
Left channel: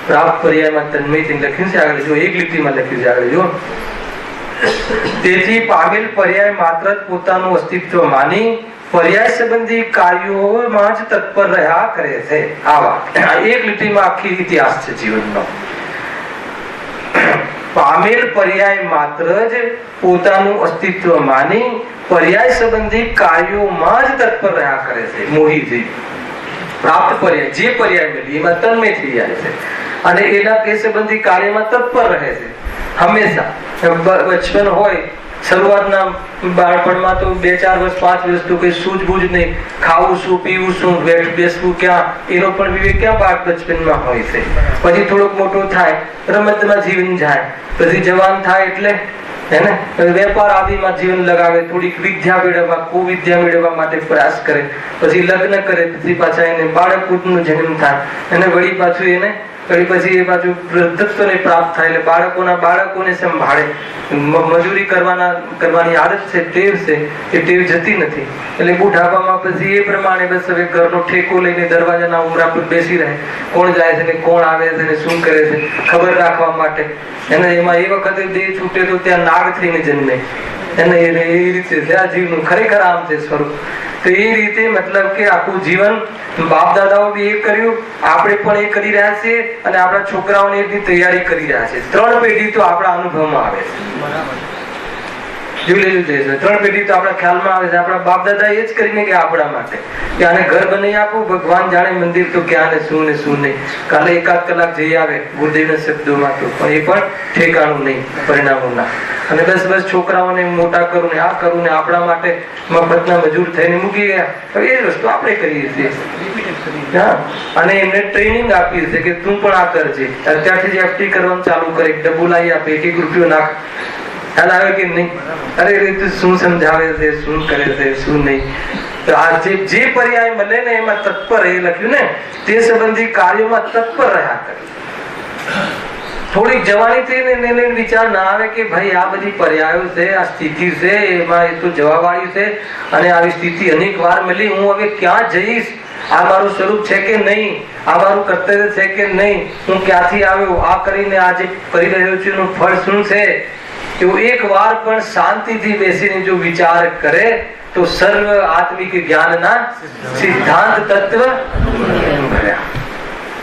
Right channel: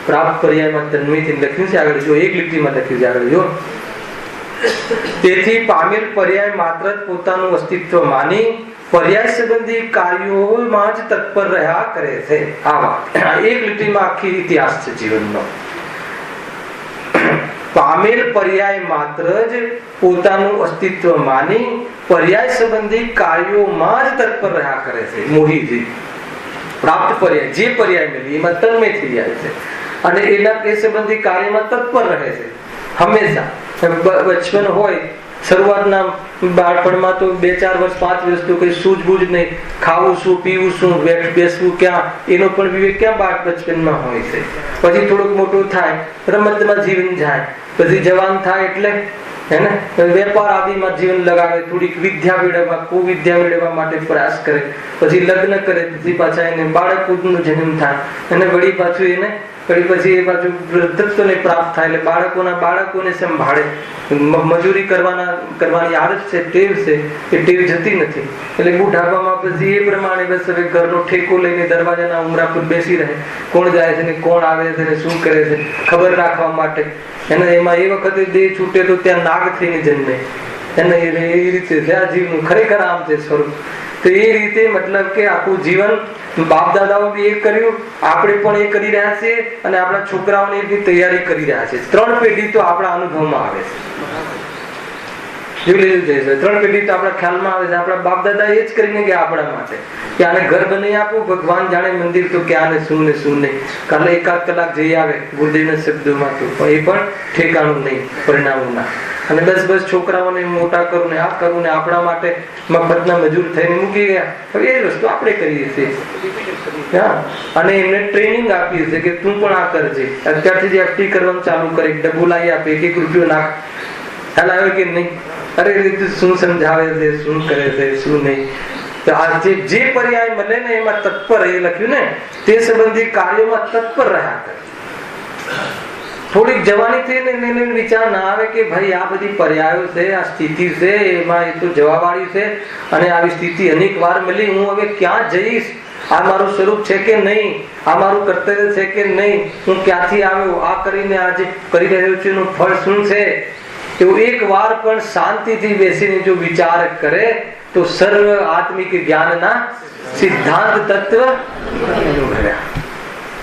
પ્રાપ્ત પર્યાયમાં તન્મયથી લખ્યું છે. આગળ જો, એક લીટીમાં લખ્યું છે આગળ જો. તેથી પામેલ પર્યાય માત્ર પોતાનું અસ્તિત્વ માની પર્યાય સંબંધી કાર્યોમાં જ તત્પર રહ્યા કરે છે. આવા એક લીટીમાં આખી ઇતિહાસ છે જીવનનો. પામેલ પર્યાય માત્ર જ પોતાનું અસ્તિત્વ માની પર્યાય સંબંધી કાર્યોમાં જ તત્પર રહ્યા કરે છે. મોહીજી પ્રાપ્ત પર્યાય, જે પર્યાય મળે એમાં તન્મય થઈ જાય છે, અને એના તે સંબંધી કાર્યમાં તત્પર રહે છે હંમેશા. બચપન હોય, શરૂઆતના બાળપણમાં તો 2-4 વર્ષ 5 વર્ષ તો કઈ સૂઝબૂઝ નહીં, ખાવું શું, પીવું શું, બેસવું ક્યાં, એનો પણ વિવેક ક્યાં બાળ બચપનમાં હોય છે. પછી થોડુંક મોટું થાય, રમતમાં જીવન જાય, પછી જવાન થાય એટલે હેને વેપાર આદિમાં જીવન લગાવે, થોડીક વિદ્યા મેળવવા, કુવિદ્યા મેળવવા માટે પ્રયાસ કરે, પછી લગ્ન કરે, પછી પાછા એને બાળકનો જન્મ થાય, અને વળી પાછું એને પછી એ બાજુ વૃદ્ધત્વને પ્રાપ્ત થાય, એટલે બાળકોને સંભાળે, મજૂરી કરવાની આદત છે, ટેવ છે, એ ટેવ જતી નથી. એટલે બુઢાપામાં પછી એ પ્રમાણે બસ હવે ઘરનો ઠેકો લઈને દરવાજાના ઓરા પર બેસી રહે, કોણ જાય છે ને કોણ આવે છે ને શું કરે છે ખબર રાખવા માટે. એને એમાં એ વખતે જે છૂટે તો ત્યાં નાગ થઈને જન્મે, એને એ રીતે આ જીવનું ખરેખર આમ છે સ્વરૂપ. તો એ રીતે મતલબ કે આખું જીવન બાપ દાદાઓ બી એ કર્યું, આપણે પણ એ કરી રહ્યા છીએ, અને આપણા છોકરાઓને એની તૈયારી કરી રહ્યા છે. 3 પેઢી તો આપણા અનુભવમાં આવે છે, જોઈ લેવું જોઈએ. 3 પેઢી તો આપણા ખ્યાલમાં આવે છે. આપણા બાપ દાદા એ જ કરીને કે આપણા માટે કે આને ઘર બનાવી આપું, ભગવાન જાણે મંદિર તો ક્યાં ને શું નહીં, કાલે 1-8 કલાક જઈ આવે ગુરુદેવના શબ્દોમાં, તો પણ એ પણ ઠેકાણું નહીં પરિણામોના. અને બસ છોકરાઓને મોટા કરું ને આ કરું ને આપણા માટે મફતના મજૂર થઈને મૂકી ગયા. એ જ વસ્તુ આપણે કરીએ છીએ. અને એમને ટ્રેનિંગ આપીએ છીએ કે તું પણ આ કરજે. અત્યારથી એફટી કરવાનું ચાલુ કરે, ડબ્બુ લાવી આપે, 1 રૂપિયો નાખ, ખ્યાલ આવે કે નહીં? અરે એ રીતે શું સમજાવે છે, શું કરે છે, શું નહીં. તો આ જે પર્યાય મળે ને એમાં તત્પર, એ લખ્યું ને, તે સંબંધી કાર્યોમાં તત્પર રહ્યા કરે. થોડીક જવાની થઈ ને એને વિચાર ના આવે કે ભાઈ આ બધી પર્યાયો છે, આ સ્થિતિ છે, એમાં એ તો જવાવાળી છે, અને આવી સ્થિતિ અનેક વાર મળી, હું હવે ક્યાં જઈશ, આ મારું સ્વરૂપ છે કે નહીં, આ મારું કર્તવ્ય છે કે નહીં, હું ક્યાંથી આવ્યો, આ કરીને આજે કરી રહ્યો છું એનું ફળ શું છે, એવું એક વાર પણ શાંતિથી બેસીને જો વિચાર કરે તો સર્વ આત્મિક જ્ઞાનના સિદ્ધાંત તત્વ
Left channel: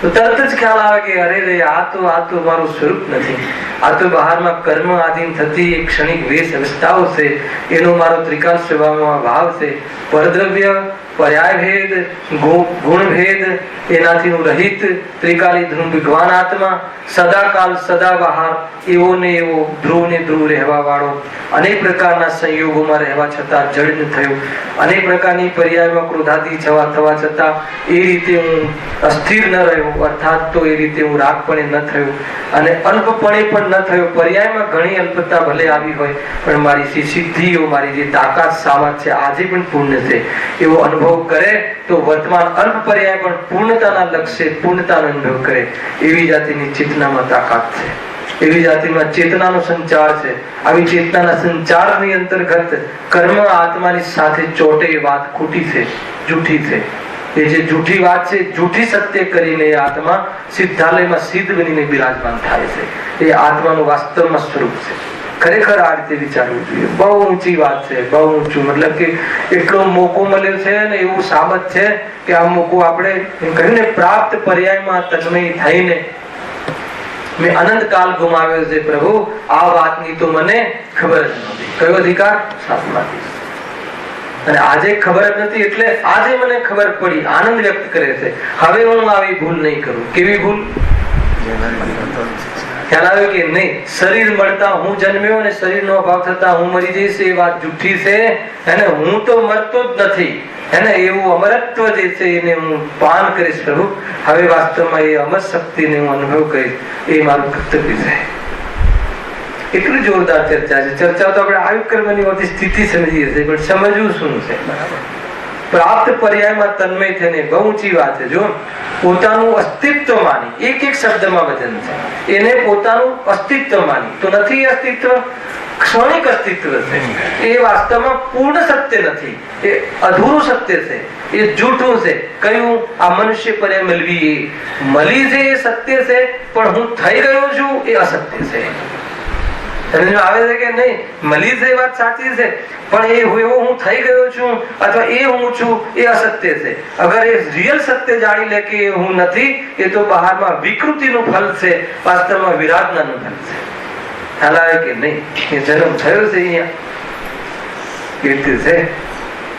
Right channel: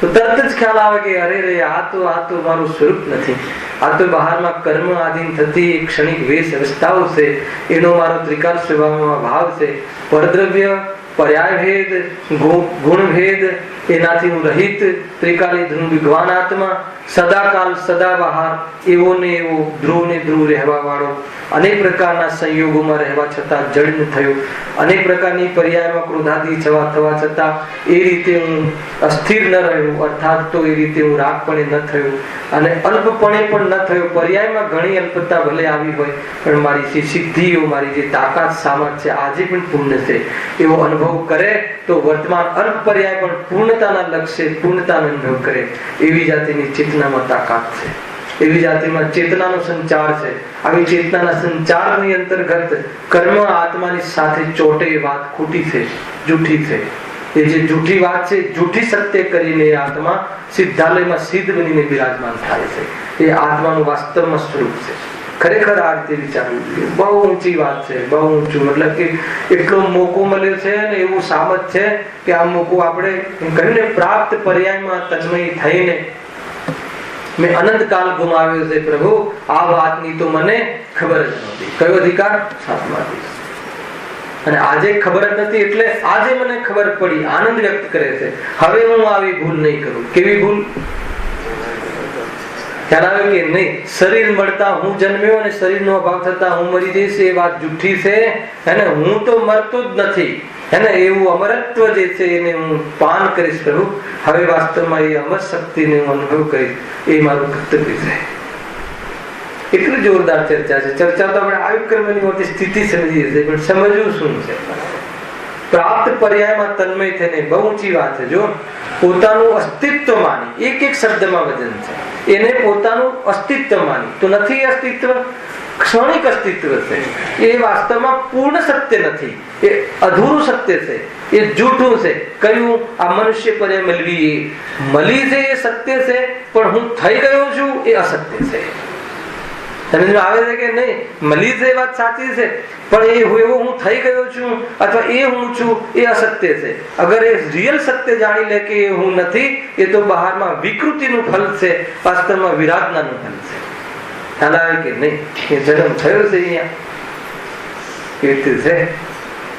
તો તરત જ ખ્યાલ આવે કે અરે રે આ તો મારું સ્વરૂપ નથી, આ તો બહારમાં કર્મ આધીન થતી ક્ષણિક વેશ અવસ્થાઓ છે, એનો મારો ત્રિકાળ સ્વભાવમાં ભાવ છે, પરદ્રવ્ય પર્યાય ભેદ ગુણ ભેદ એનાથી હું રહિત ત્રિકાલી ધ્રુવ વિદ્વાન આત્મા, સદાકાલ સદાબહાર એવો ને એવો ધ્રુવ ને ધ્રુવ રહેવા વાળો, અનેક પ્રકારના સંયોગોમાં રહેવા છતાં જડ ન થયો, અનેક પ્રકારની પર્યાયમાં ક્રોધાદી થવા છતાં એ રીતે હું અસ્થિર ન રહ્યો, અર્થાત તો એ રીતે હું રાગપણે ન થયો અને અલ્પપણે પણ ન થયો. પર્યાયમાં ઘણી અલ્પતા ભલે આવી હોય પણ મારી જે સિદ્ધિઓ, મારી જે તાકાત સામર્થ્ય આજે પણ પૂર્ણ છે એવો અનુભવ કરે તો વર્તમાન અલ્પ પર્યાય પણ પૂર્ણતાના લક્ષ્ય પૂર્ણતાનો અનુભવ કરે. એવી જાતિની ચેતનામાં તાકાત છે, એવી જાતિમાં ચેતનાનો સંચાર છે. આવી ચેતનાના સંચારની અંતર્ગત કર્મ આત્માની સાથે ચોટે એ વાત ખોટી છે, જૂઠી છે. એ જે જૂઠી વાત છે, જૂઠી સત્ય કરીને આત્મા સિદ્ધાલયમાં સિદ્ધ બનીને બિરાજમાન થાય છે. એ આત્માનું વાસ્તવમાં સ્વરૂપ છે. ખરેખર આ રીતે વિચારવું જોઈએ. બહુ ઊંચી વાત છે, બહુ ઊંચું, મતલબ કે એટલો મોકો મળ્યો છે ને એવું સાબત છે કે આ મોકો આપણે કહ્યું ને પ્રાપ્ત પર્યાયમાં તન્મય થઈને મેં અનંત કાળ ગુમાવ્યો છે પ્રભુ, આ વાતની તો મને ખબર જ નહોતી. કયો અધિકાર? સાતમાથી. અને આજે ખબર નથી એટલે આજે મને ખબર પડી, આનંદ વ્યક્ત કરે છે. હવે હું આવી ભૂલ નહીં કરું. કેવી ભૂલ? ખ્યાલ આવ્યો કે નહીં? શરીર મળતા હું જન્મ્યો અને શરીરનો અભાવ થતા હું મરી જઈશ, એ વાત જૂઠી છે. હે હું તો મરતો જ નથી, હે એવું અમરત્વ જે છે એને હું પાન કરીશ પ્રભુ. હવે વાસ્તવમાં એ અમર શક્તિને હું અનુભવ કરીશ, એ મારું કર્તવ્ય છે. એટલું જોરદાર ચર્ચા છે. ચર્ચા તો આપણે આયુ કરવાની હોતી સ્થિતિ સમજીએ છીએ, પણ સમજવું શું છે? પ્રાપ્ત પર્યાયમાં તન્મય થઈને બહુ ઊંચી વાત છે. જો પોતાનું અસ્તિત્વ માની, એક એક શબ્દમાં વજન છે, એને પોતાનું અસ્તિત્વ માની તો નથી અસ્તિત્વ, ક્ષણિક અસ્તિત્વ છે. એ વાસ્તવમાં પૂર્ણ સત્ય નથી, એ અધૂરું સત્ય છે, એ જૂઠું છે. કયું? આ મનુષ્ય પર્યાય મળી છે એ સત્ય છે, પણ હું થઈ ગયો છું એ અસત્ય છે. સમજ આવે છે કે નહીં? મળી છે વાત સાચી છે, પણ એ એવો હું થઈ ગયો છું અથવા એ હું છું એ અસત્ય છે. અગર એ રિયલ સત્ય જાણી લે કે હું નથી, એ તો બહારમાં વિકૃતિનું ફલ છે, વાસ્તવમાં વિરાટનાનું ફલ છે. ખ્યાલ આવે કે નહીં? એ જન્મ થયો છે અહીંયા કીર્તિ છે,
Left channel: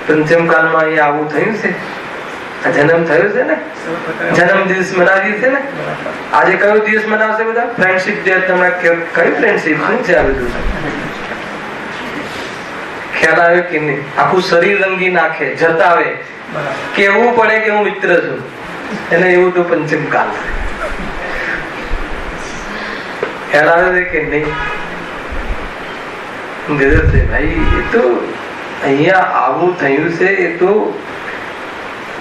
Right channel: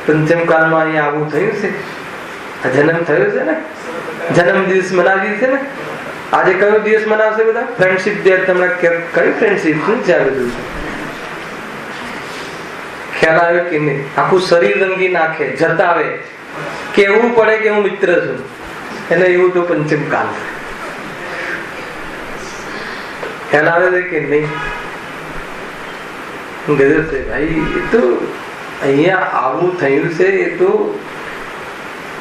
પંચમ કાળમાં અહીંયા આવું થયું છે. આ જન્મ થયો છે ને, જન્મ દિવસ મનાવી છે ને. આજે કયો દિવસ મનાવશે બધા? Friendship day. તમે કયું ફ્રેન્ડશિપ? શું છે આ બધું? ખ્યાલ આવ્યો કે નહીં? આખું શરીર રંગી નાખે, જતાવે, કેવું પડે કે હું મિત્ર છું, એટલે એવું તો પંચમ કાળ. ખ્યાલ આવે કે નહીં? ભાઈ એ તો અહીંયા આવું થયું છે. એ તો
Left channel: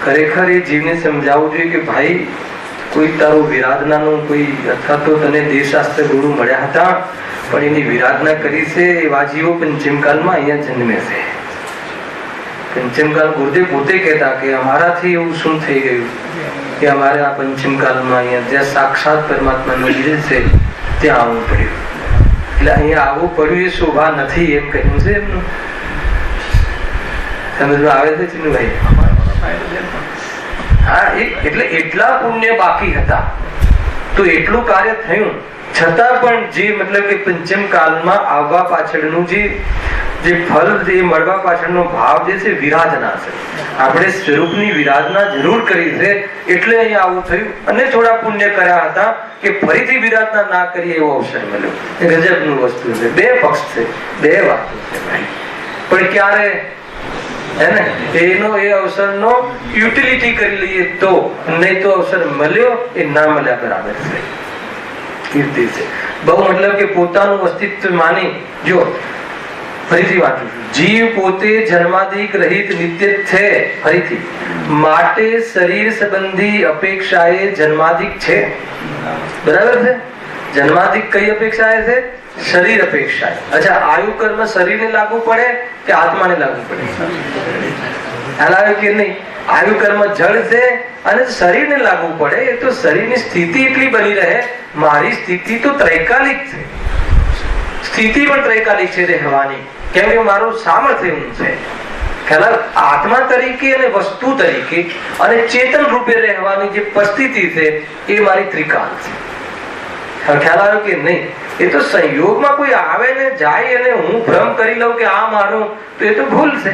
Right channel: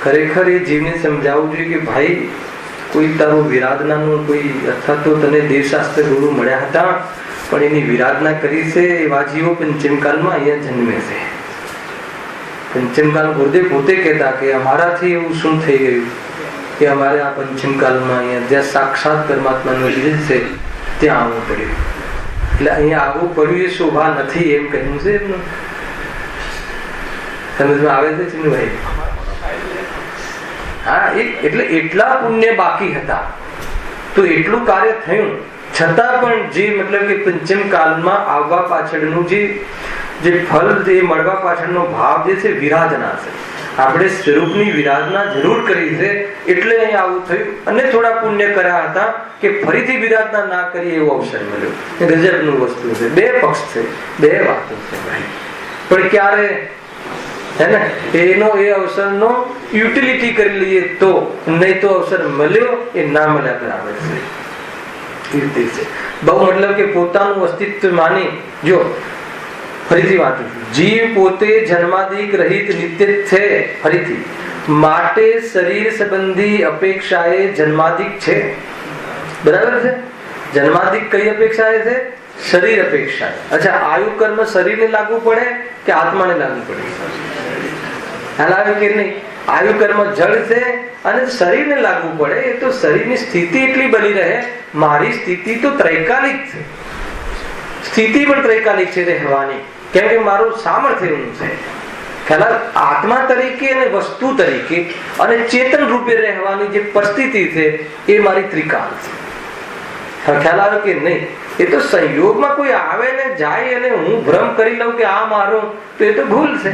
ખરેખર એ જીવને સમજાવવું જોઈએ કે ભાઈ કોઈ તારો વિરાધનાનું કોઈ, અથવા તો તને દેવશાસ્ત્ર ગુરુ મળ્યા હતા પણ એની વિરાધના કરી છે, એવા જીવો પંચમકાળમાં અહીંયા જન્મે છે. પંચમકાળ ગુરુદેવ પોતે કહેતા કે અમારાથી એવું શું થઈ ગયું કે અમારે આ પંચમકાળમાં અહીંયા જ્યાં સાક્ષાત પરમાત્માનો લીધે છે ત્યાં આવવું પડ્યું. એટલે અહીંયા આવવું પડ્યું એ શોભા નથી એમ કહ્યું છે એમનું. સમજમાં આવે છે ચિન્નુભાઈ? હા, એટલે એટલા પુણ્ય બાકી હતા તો એટલું કાર્ય થયું છતાં પણ જે મતલબ કે પંચમ કાળમાં આવવા પાછળનું જે ફળ, જે મળવા પાછળનો ભાવ જે છે વિરાધના છે. આપણે સ્વરૂપની વિરાધના જરૂર કરી છે એટલે અહીંયા આવું થયું. અને થોડા પુણ્ય કર્યા હતા કે ફરીથી વિરાધના ના કરી એવો અવસર મળ્યો. ગજબનું વસ્તુ છે. બે પક્ષ છે, બે વાતો છે ભાઈ. પણ ક્યારે એનો એ અવસરનો યુટિલિટી કરી લઈએ તો, નહીં તો અવસર મળ્યો એ ના મળ્યા બરાબર છે. કીર્તિ છે. બહુ મતલબ કે પોતાનું અસ્તિત્વ માની, જો ફરીથી વાંચું, જીવ પોતે જન્માદિક રહિત નિત્ય છે, ફરીથી માટે શરીર સંબંધી અપેક્ષાએ જન્માદિક છે. બરાબર છે? જન્માદિક કઈ અપેક્ષાએ છે? શરીર અપેક્ષા. અચ્છા, આયુ કર્મ શરીરને લાગુ પડે કે આત્માને લાગુ પડે? ખ્યાલ આવે કે નહીં? આયુ કર્મ જળ છે અને શરીરને લાગુ પડે. એ તો શરીરની સ્થિતિ એટલી બની રહે. મારી સ્થિતિ તો ત્રૈકાલિક છે, સ્થિતિ પણ ત્રૈકાલિક છે રહેવાની, કેમ કે મારું સામર્થ્ય એવું છે. ખ્યાલ આત્મા તરીકે અને વસ્તુ તરીકે અને ચેતન રૂપે રહેવાની જે પરિસ્થિતિ છે એ મારી ત્રિકાળ છે. ખ્યાલ આવ્યો કે નહીં? એ તો સંયોગમાં કોઈ આવે ને જાય અને હું ભ્રમ કરી લઉં કે આ મારું, તો એ તો ભૂલ છે.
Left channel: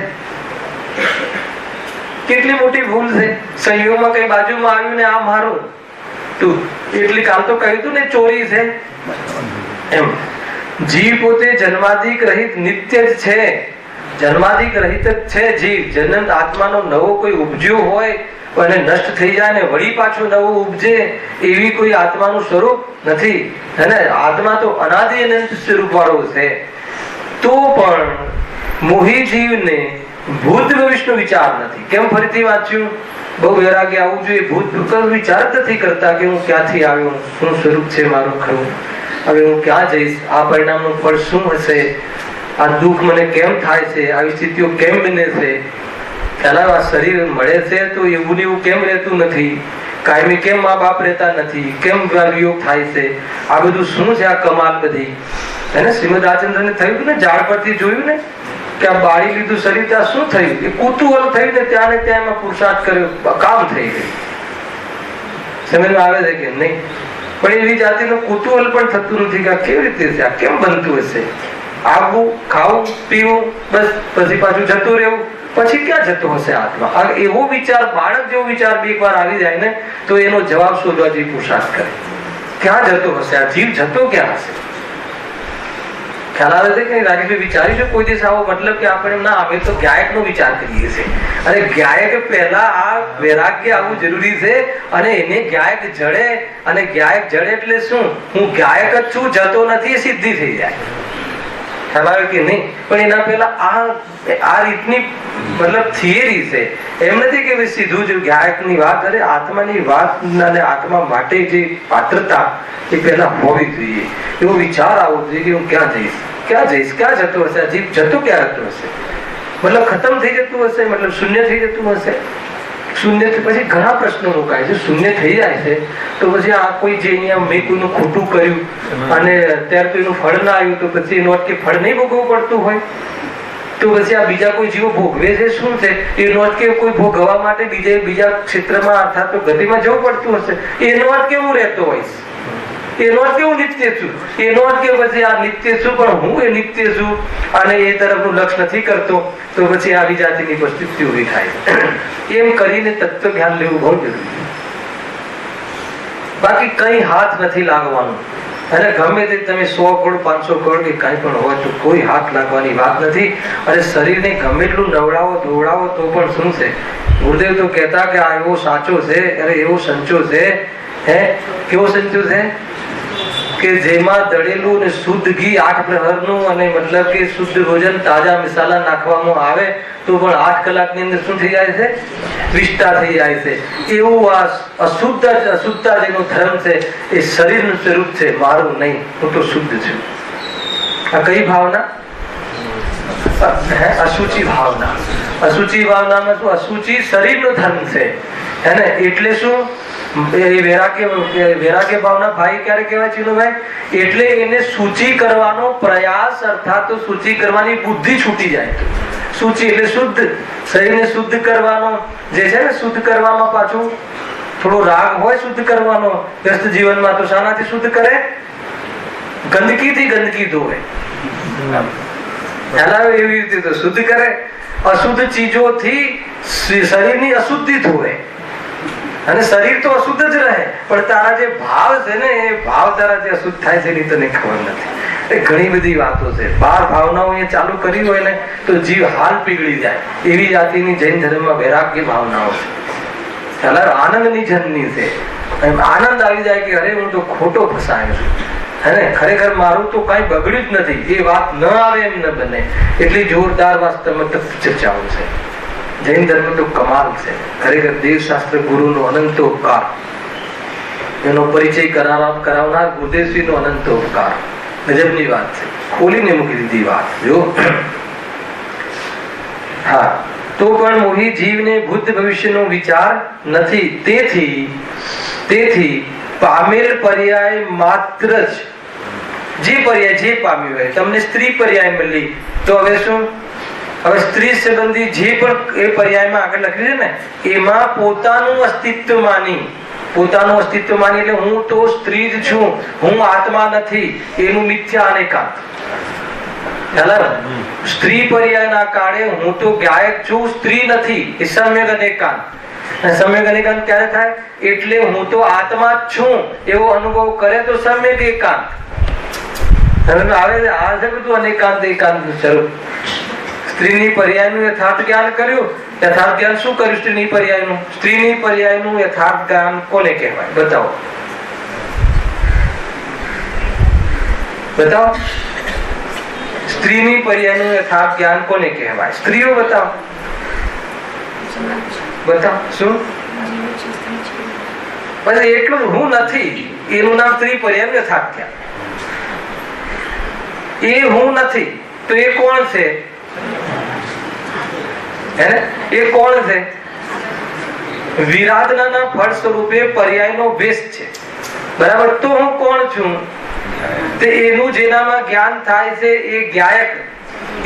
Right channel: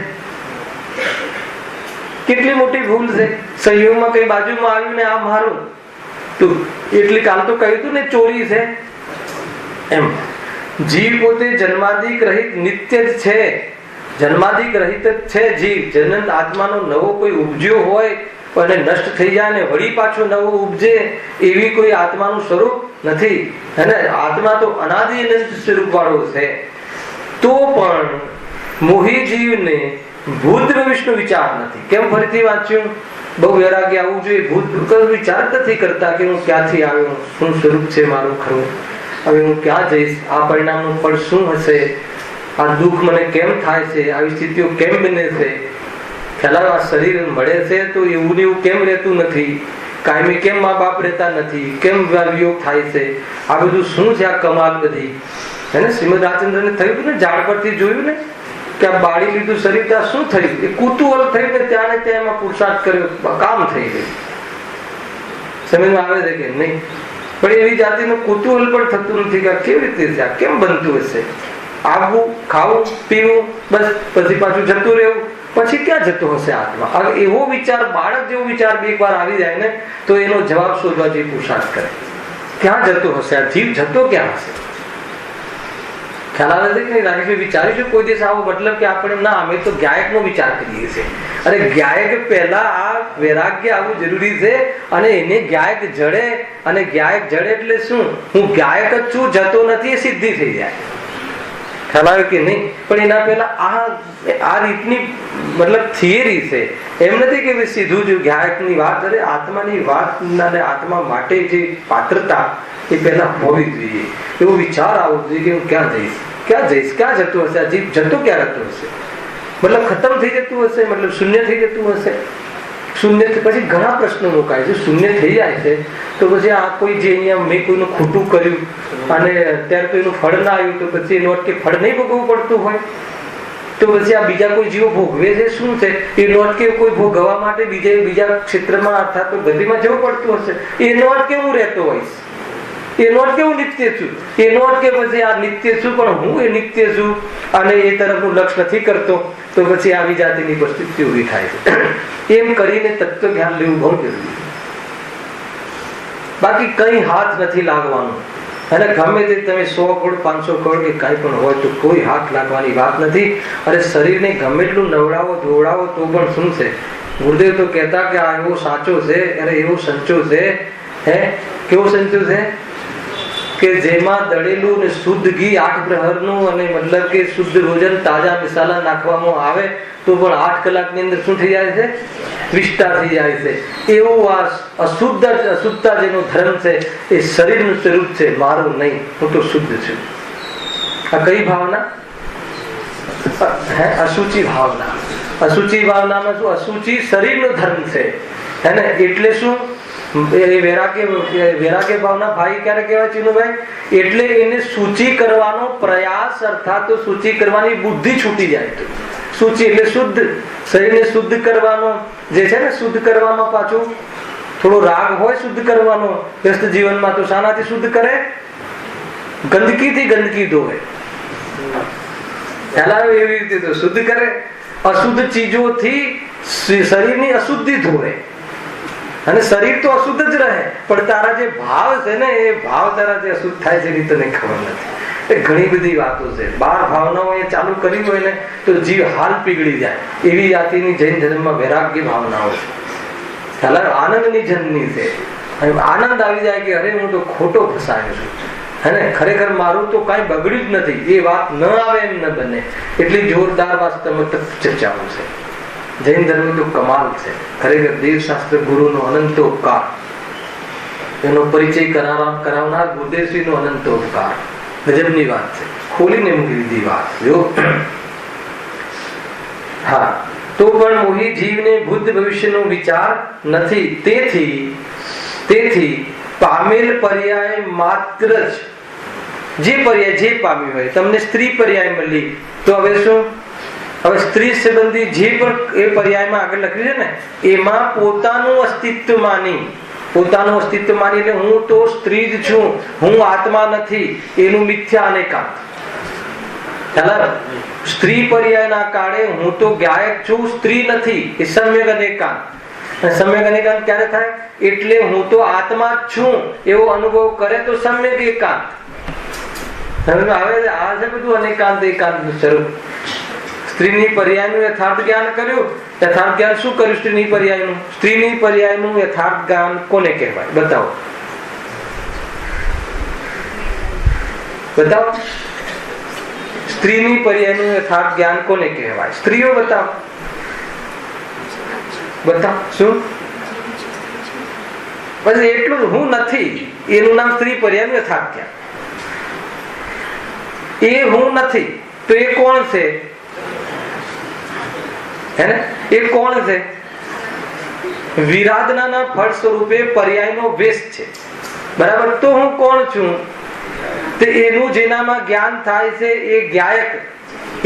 કેટલી મોટી ભૂલ છે. સંયોગમાં કઈ બાજુમાં આવ્યું ને આ મારું, તો એટલી કામ તો કહ્યું હતું ને ચોરી છે એમ. જીવ પોતે જન્માદિક રહિત નિત્ય જ છે, જન્માદિક રહિત જ છે જીવ. જન્મ આત્માનો નવો કોઈ ઉપજ્યો હોય અને નષ્ટ થઈ જાય ને વળી પાછો નવો ઉપજે એવી કોઈ આત્માનું સ્વરૂપ નથી. અને આત્મા તો અનાદિ અનંત સ્વરૂપ વાળો છે. તો પણ મોહી જીવને ભૂત ભવિષ્યનો વિચાર નથી. કેમ? ફરીથી વાંચ્યું, બહુ વૈરાગ્ય આવવું જોઈએ. ભૂત વિચાર નથી કરતા કે હું ક્યાંથી આવ્યો, શું સ્વરૂપ છે મારું ખરું, હવે હું ક્યાં જઈશ, આ પરિણામનું ફળ શું હશે, આ દુઃખ મને કેમ થાય છે, આવી સ્થિતિઓ કેમ બને છે. ખ્યાલ આ શરીર મળે છે તો એવું ને એવું કેમ રહેતું નથી, કાયમી કેમ મા બાપ રહેતા નથી, કેમ વિયોગ થાય છે, આ બધું શું છે આ કમાલ બધી? હે ને? શ્રીમદ રાજચંદ્રને થયું ને, ઝાડ પરથી જોયું ને કે આ બાળી લીધું શરીર, ત્યાં શું થયું? એ કુતૂહલ થયું ને, ત્યાં ને ત્યાં એમાં પુરુષાર્થ કર્યો, કામ થઈ ગયું. સમજમાં આવે છે કે નહીં? પણ એવી જાતિનું કુતૂહલ પણ થતું નથી કે કેવી રીતે છે, આ કેમ બનતું હશે, આવવું, ખાવું, પીવું, બસ પછી પાછું જતું રહેવું, પછી ક્યાં જતો હશે આત્મા? એવો વિચાર, બાળક જેવો વિચાર બે વાર આવી જાય ને તો એનો જવાબ શોધવા જેવી પુરુષાર્થ કરે. ક્યાં જતો હશે આ જીવ? જતો ક્યાં હશે? ખ્યાલ આવે છે કે નહીં? રાજેશભાઈ, વિચારીશું કોઈ દિવસ આવો? મતલબ કે આપણે ના, અમે તો ગાયક નો વિચાર કરીએ છીએ. અને ગાયક પહેલા આ વૈરાગ્ય આવવું જરૂરી છે. અને એને ગાયક જડે, અને ગાયક જડે એટલે શું? હું ગાયક જ છું, જતો નથી, એ સિદ્ધિ થઈ જાય. ખ્યાલ આવે કે નહીં? પણ એના પહેલા આ રીતની મતલબ થિયરી છે. એમ નથી કે સીધું જ ગાયકની વાત, અરે આત્માની વાત અને આત્મા માટે જે પાત્રતા એ પહેલા હોવી જોઈએ. એવો વિચાર આવવો જોઈએ કે હું ક્યાં જઈશ, ક્યાં જઈશ, ક્યાં જતો હશે, જીવ જતો ક્યાં જતો હશે? મતલબ ખતમ થઈ જતું હશે, મતલબ શૂન્ય થઈ જતું હશે. શૂન્ય પછી ઘણા પ્રશ્નો મુકાય છે. શૂન્ય થઈ જાય છે તો પછી આ કોઈ જે અહીંયા મેં કોઈનું ખોટું કર્યું અને અત્યારે તો એનું ફળ ના આવ્યું, તો પછી એનું અટકે ફળ નહીં ભોગવવું પડતું હોય, તો પછી આ બીજા કોઈ જીવો ભોગવે છે શું છે? એનો અર્થ કે કોઈ ભોગવવા માટે બીજા ક્ષેત્રમાં અર્થાત તો ગતિમાં જવું પડતું હશે. એનો અર્થ કે હું રહેતો હોઈશ, એનો અર્થ કે હું નિત્ય છું, એનો અર્થ કે પછી આ નિત્ય છું પણ હું એ નિત્ય છું અને એ તરફનું લક્ષ્ય નથી કરતો, તો પછી આવી જાતિની પરિસ્થિતિ ઉભી થાય. એમ કરીને તત્વ જ્ઞાન લેવું બહુ જરૂરી. બાકી કઈ હાથ નથી લાગવાનો. અને ગમે તે તમે 100 કરોડ 500 કરોડ કે કઈ પણ હોય તો કોઈ હાથ લાગવાની વાત નથી. અને શરીરને ગમે એટલું નવડાવો ધોવડાવો તો પણ શું છે? ગુરુદેવ તો કહેતા કે આ એવો સાચો છે, અરે એવો સંચો છે. હે, કેવો સંચો છે? કે જેમાં દળેલું ને શુદ્ધ ઘી 8 પ્રહરનું અને મતલબ કે શુદ્ધ ભોજન તાજા મસાલા નાખવામાં આવે તો પણ 8 કલાકની અંદર શું થઈ જાય છે? વિષ્ટા થઈ જાય છે. એવું આ અશુદ્ધતા જેનો ધર્મ છે એ શરીરનું સ્વરૂપ છે, મારું નહીં, હું તો શુદ્ધ છું. આ કઈ ભાવના? અશુચિ ભાવના. અશુચિ ભાવનામાં શું? અશુચિ શરીરનો ધર્મ છે. હે ને? એટલે શું? વૈરાગ્ય ભાવના ભાઈ ક્યારે કહેવાય ચિનુભાઈ? એટલે એને સૂચિ કરવાનો પ્રયાસ, અર્થાત તો સૂચિ કરવાની બુદ્ધિ છૂટી જાય. સૂચિ એટલે શુદ્ધ, શરીરને શુદ્ધ કરવાનો જે છે ને, શુદ્ધ કરવામાં પાછું થોડો રાગ હોય શુદ્ધ કરવાનો. વ્યસ્ત જીવનમાં તો શાનાથી શુદ્ધ કરે? ગંદકીથી ગંદકી ધોવે. એવી રીતે તો શુદ્ધ કરે. અશુદ્ધ ચીજોથી શરીરની અશુદ્ધિ ધોવે. અને શરીર તો અશુદ્ધ જ રહે, પણ તારા જે ભાવ છે ને એ ભાવ તારા જે અશુદ્ધ થાય છે એ તને ખબર નથી. ઘણી બધી વાતો છે. 12 ભાવનાઓ એ ચાલુ કરી હોય ને તો જીવ હાલ પીગળી જાય. એવી જાતિની જૈન ધર્મમાં વૈરાગ્ય ભાવનાઓ છે. આનંદની જન્મની છે. આનંદ આવી જાય કે અરે હું તો ખોટો ફસાયો છું. અને ખરેખર મારું તો કઈ બગડ્યું જ નથી, એ વાત ન આવે એમ ન બને એટલી જોરદાર વાસ્તવમાં ચર્ચાઓ છે. જૈન ધર્મ તો કમાલ છે. ખરેખર દેવશાસ્ત્ર ગુરુનો અનંત ઉપકાર, એનો પરિચય કરાવનાર ગુરુદેવશ્રીનો અનંત ઉપકાર. ગજબની વાત છે, ખોલીને મૂકી દીધી વાત. જો હા, તો પણ મોહી જીવને ભૂત ભવિષ્યનો વિચાર નથી. તેથી પામેલ પર્યાય માત્ર જ, જે પર્યાય જે પામ્યું હોય, તમને સ્ત્રી પર્યાય મળી તો હવે શું? હવે સ્ત્રી સંબંધી જે પણ એ પર્યાયમાં આગળ લખ્યું છે ને, એમાં પોતાનું અસ્તિત્વ માની એટલે હું તો સ્ત્રી જ છું, હું આત્મા નથી, એનું મિથ્યા અનેકાંત. સ્ત્રી પર્યાયના કાળે હું તો ગાયક છું, સ્ત્રી નથી, એ સમ્યક અનેકાંત. સમ્યક અનેકાંત ક્યારે થાય? એટલે હું તો આત્મા જ છું એવો અનુભવ કરે તો સમ્યક એકાંત. આવે આ છે બધું અનેકાંત એકાંત સ્વરૂપ. સ્ત્રીની પર્યાયનું યથાર્થ જ્ઞાન કર્યું. યથાર્થ જ્ઞાન શું કર્યું? સ્ત્રીની પર્યાયનું યથાર્થ જ્ઞાન કોને કહેવાય? બતાવો. સ્ત્રીની પર્યાયનું યથાર્થ જ્ઞાન કોને કહેવાય? સ્ત્રીઓ બતાવો. શું? બસ એટલું હું નથી, એનું નામ સ્ત્રી પર્યાયનું યથાર્થ જ્ઞાન. એ હું નથી તો એ કોણ છે? એ કોણ છે? વિરાધનાના ફળ સ્વરૂપે પર્યાયનો વેશ છે. બરાબર? તો હું કોણ છું? તે એનું જેનામાં જ્ઞાન થાય છે એ ગાયક.